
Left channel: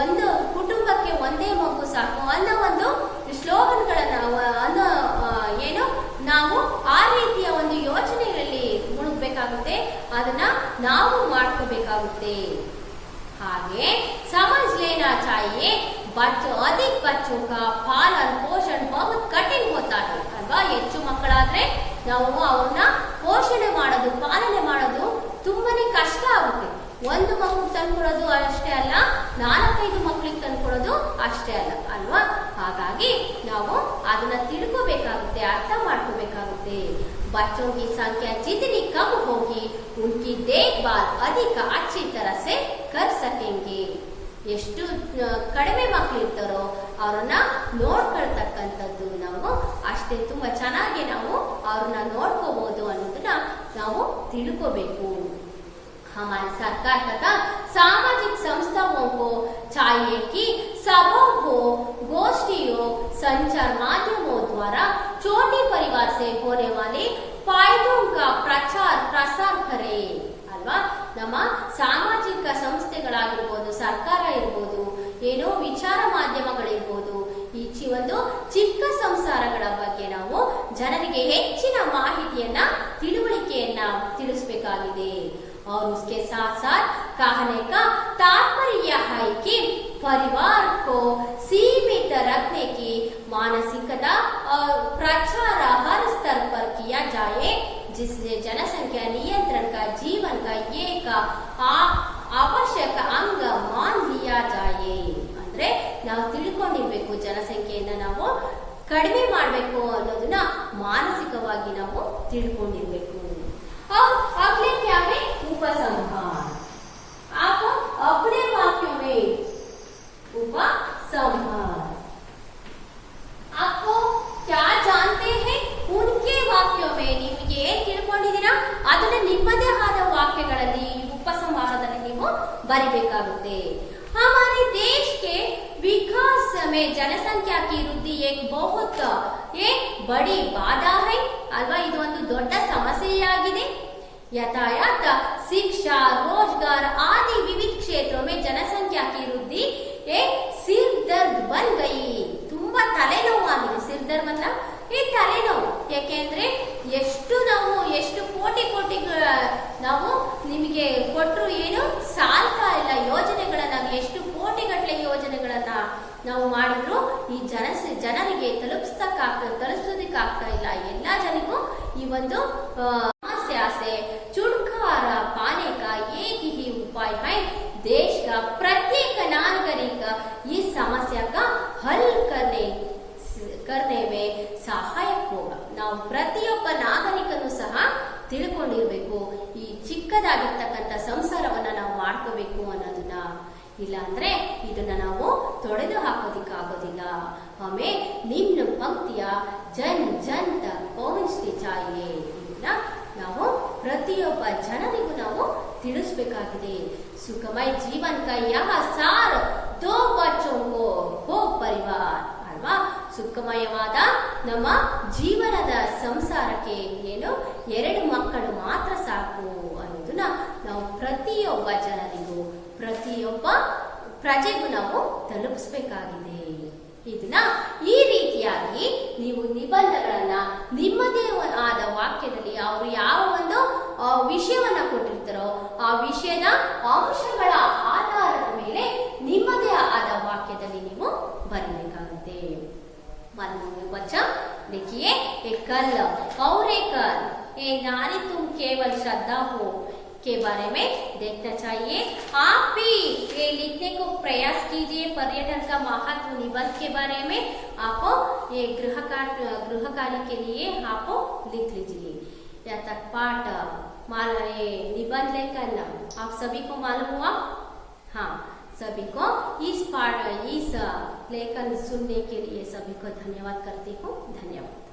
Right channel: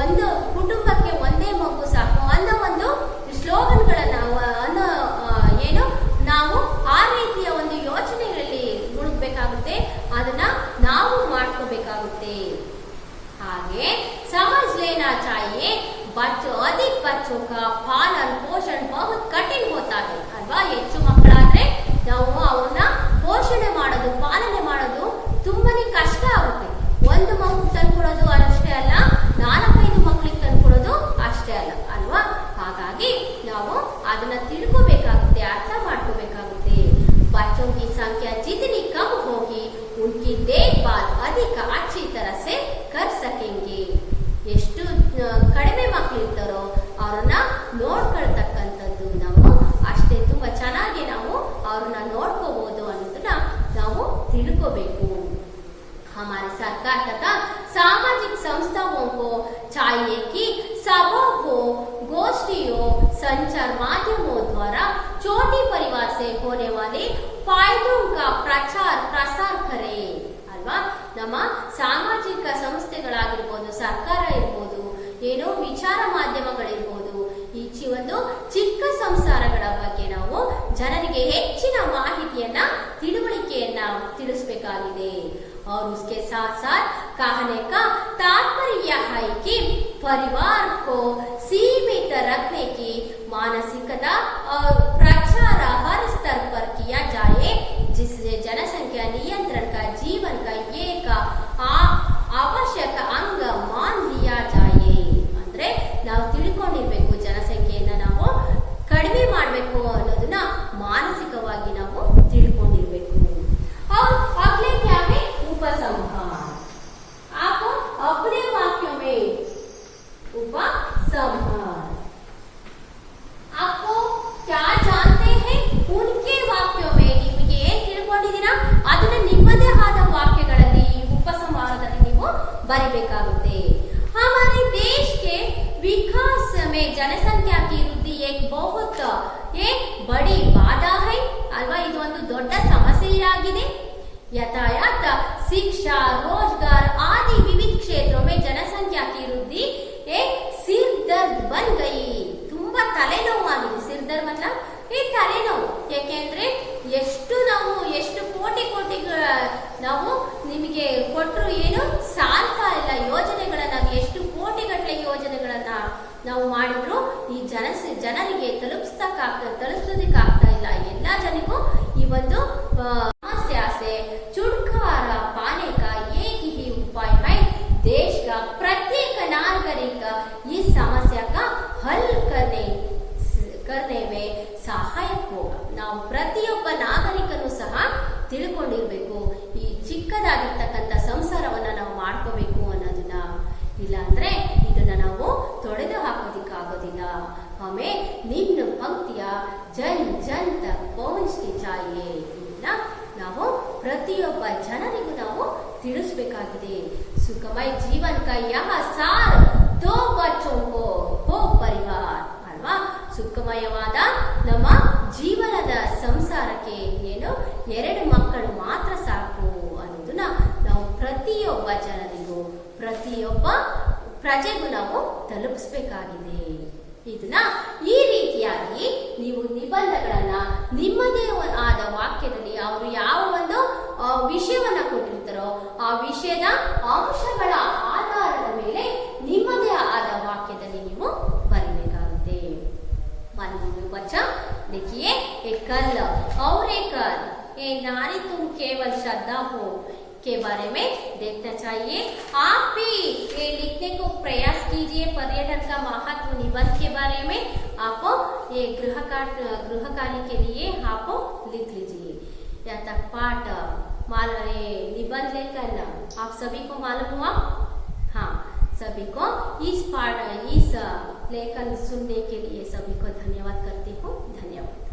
ಒಂದು ಕುಟುಂಬಕ್ಕೆ ಒಂದೇ ಮಗು ಸಾಕು ಅನ್ನೋ ಒಂದು ಸ್ಲೋಗನ್ಗಳನ್ನ ಅನ್ನೋ ಏನು ನಾವು ಆ ರೀತಿಯ ಒಂದು ಯೋಚನೆಗಳಲ್ಲಿ ಮುಳುಗಬೇಕಾಗುತ್ತೆ, ಅದನ್ನ ನಾವು ಮಾಡ್ಕೋಬೇಕಾಗುತ್ತೆ। आगे समझ लेना चाहिए बच्चों अधिक बच्चों का पालन पोषण बहुत कठिन होता है अल्वा। ಹೆಚ್ಚು ಮಕ್ಕಳಾದ್ರೆ ನಾವು ಅವ್ರನ್ನ ಪೋಷಣೆ ಮಾಡೋದು ಪಾಲನೆ ಮಾಡೋದು ತುಂಬಾನೇ ಕಷ್ಟ ಆಗುತ್ತೆ। ಒಂದು ಮಗು ತಂದ್ಕೊಡೋದು ಅಷ್ಟೇ ಅಲ್ಲ, 4-5 ಮಕ್ಕಳಿಗೆ ತಂದ್ಕೊಡೋದು ಅಷ್ಟೇ ಅಲ್ಲ ಅಲ್ವಾ। ಹಾಗಾಗಿ ನಾವು ಅದನ್ನ ತಿಳ್ಕೋಬೇಕಾಗುತ್ತೆ, ಅರ್ಥ ಮಾಡ್ಕೋಬೇಕಾಗುತ್ತೆ। बच्चों की संख्या जितनी कम होगी उनकी देखभाल अधिक अच्छी तरह से कर सकेंगे। ಎಷ್ಟು ಕಡಿಮೆ ಮಕ್ಕಳಿರ್ತಾರೋ ಅವರನ್ನ ನೋಡ್ಕೊಳ್ತಕ್ಕಂಥದ್ದು ನಾವು ಅಷ್ಟೇ ತುಂಬಾ ಚೆನ್ನಾಗಿ ನಾವು ಅವ್ರನ್ನ ನೋಡ್ಕೋಬಹುದು ಅನ್ನೋದನ್ನ ನಾವು ತಿಳ್ಕೋಬೇಕು। हमारी सरकार तथा सामाजिक संस्थाओं को चाहिए कि सभा हो गोष्ठियों संचार माध्यमों द्वारा छोटे परिवार से होने वाले फायदों का प्रचार प्रसार करे ಅಲ್ವಾ। ನಮ್ಮ ಸಾಮಾಜಿಕ ಸಂಸ್ಥೆಗಳಾಗಿರ್ಬೋದು, ಸರ್ಕಾರ ಇರ್ಬೋದು, ಏನೋ ವಿಚಾರ ಮಾಧ್ಯಮಗಳಿರ್ಬೋದು, ಈ ಒಂದು ಚಿಕ್ಕ ಸಂಸಾರಗಳ ಬಗ್ಗೆ ನಾವು ಜನರಿಗೆ ಹೆಚ್ಚಿನ ಮಾಹಿತಿಯನ್ನ ತಿಳುವಳಿಕೆಯನ್ನ ತಿಳಿಸಬೇಕಾಗಿದೆ। और उसके साथ साथ कहने का तात्पर्य है कि परिवार को सीमित रखने की मानसिकता और प्रचार हर स्तर पर किया जाए, जिससे जनसंख्या नियंत्रण का जीवन का एक आवश्यक अंग मान लिया जाए। ಅಂದ್ರೆ ನಾವು ತಿಳ್ಕೊಂಡಿರ್ಬೇಕು, ಜನಸಂಖ್ಯೆಯನ್ನ ನಾವು ಕಡಿಮೆ ಮಾಡಬೇಕು ಅನ್ನೋದನ್ನ ಮಾನಸಿಕವಾಗಿ ನಾವು ತಿಳ್ಕೊಂಡಿರ್ಬೇಕು। और अगले क्या है उपसंहार। आप अपने वाक्यों में उपसंहार आपको क्या जानते हैं उनके वाक्यों में ನಿಮಗೆ ಏನು ತಿಳ್ಕೊಂಡಿದ್ದೀರಾ ಅದನ್ನ ನಿಮ್ಮದೇ ಆದ ವಾಕ್ಯಗಳಲ್ಲಿ ಉಪಸಂಹಾರದಲ್ಲಿ ನೀವು ಬರಿಬೇಕಾಗುತ್ತೆ। हमारे देश के विकास में जनसंख्या की वृद्धि एक बहुत बड़ी बाधा है अल्वा। ಇದು ಒಂದು ದೊಡ್ಡ ಸಮಸ್ಯೆಯಾಗಿದೆ। यातायात शिक्षा रोजगार आदि विविध क्षेत्रों में जनसंख्या की वृद्धि एक सिर दर्द बन गई। ತುಂಬಾ ತಲೆನೋವಾಗಿದೆ। ಸಿರ್ ದರ್ದ್ मतलब ಈ ತಲೆನೋವು। ಯಾಕೆಂದ್ರೆ ಎಷ್ಟು ಕೋಟಿ ನಾವು ನಿಮಗೆ ಕೊಟ್ಟರು ಏನು ಸಾಲ್ತಾ ಇಲ್ಲ ಯೋಜನೆಗಳನ್ನ, ಎಷ್ಟು ಕೋಟಿಗಟ್ಟಲೆ ಯೋಜನೆಗಳನ್ನ ನಾವು ಮಾಡಿದ್ರು ಈ ಜನರಿಗೆ ತಲುಪಿಸೋದಕ್ಕಾಗ್ತಾ ಇಲ್ಲ। ಎಲ್ಲಾ ಜನರಿಗೂ ಈ ಒಂದು समस्या से छुटकारा पाने का एक ही उपाय है, देश का प्रत्येक नागरिक इस समस्या का हल करने में सहायक होगा। ನಾವು ಪ್ರತಿಯೊಬ್ಬ ನಾಗರಿಕನು ಸಹ ತಿಳ್ಕೊಂಡಿರ್ಬೇಕು, ಈ ಚಿಕ್ಕದಾಗಿರ್ತಕ್ಕಂಥ ಸಂಸಾರವನ್ನ ನಾವು ಮಾಡ್ಕೋಬೇಕು ಅನ್ನೋದನ್ನ। ಇಲ್ಲ ಅಂದ್ರೆ ಇದನ್ನ ನಾವು ತೊಡೆದು ಹಾಕೋದಿಕ್ಕಾಗೋದಿಲ್ಲ। ಹಮೇ ನಿಮ್ನ ಪಂಕ್ತಿಯ ಜನ್ ಜನ್ ತಕ್ ಪಹುಂಚನಿ ಚಾಹಿಯೆ। ಇದನ್ನ ನಾವು ಪ್ರತಿಯೊಬ್ಬ ಜನರಿಗೂ ನಾವು ತಿಳಿಸಬೇಕಾಗಿದೆ। ಸುಖಮಯ ಜೀವನ का यह सार दो बच्चों को हो परिवार ಅಲ್ವಾ। ಸುಖಮಯವಾದ ನಮ್ಮ ಜೀವನದ ಸಂಸಾರಕ್ಕೆ ಏನು 2 ಮಕ್ಕಳು ಮಾತ್ರ ಸಾಕು ಅನ್ನೋದನ್ನ ನಾವು ಪ್ರತಿಯೊಬ್ಬ ಜನರಿಗೂ ಪ್ರತಿಯೊಬ್ಬ ಪ್ರಜೆಗೂ ನಾವು ತಲುಪಿಸಬೇಕಾಗಿದೆ। ಇದನ್ನ ಈ ರೀತಿಯಾಗಿ ನೀವು ನಿಬಂಧಗಳನ್ನ ನಿಮ್ಮದೇ ಆದ ವಾಕ್ಯದಲ್ಲಿ ಅವರು ಯಾವ ಒಂದು ವಿಷಯವನ್ನ ಕೊಟ್ಟಿರ್ತಾರೋ ಆ ವಿಷಯದ ಅಂಶಗಳ ಆಧಾರದ ಮೇಲೆ ನಿಮ್ಮದೇ ಆದ ವಾಕ್ಯದಲ್ಲಿ ನೀವು ಬರೀಬೇಕಾಗುತ್ತೆ। बच्चा देखिए एक कल और एक ये नारी तुम केवल श्रद्धा हो के बारे में देखना चाहिए। आप भी ये लिखने को प्रयास कीजिए। पर्यटन का महत्व निबंध के बारे में आप ये गृह कार्य के लिए आप लिख लीजिए। या तक पाठ निबंध लेखन आप सभी को मालूम हुआ? हाँ, सभी को इस लेखन सुनने के लिए सभी को धन्यवाद करती हूँ। धन्यवाद।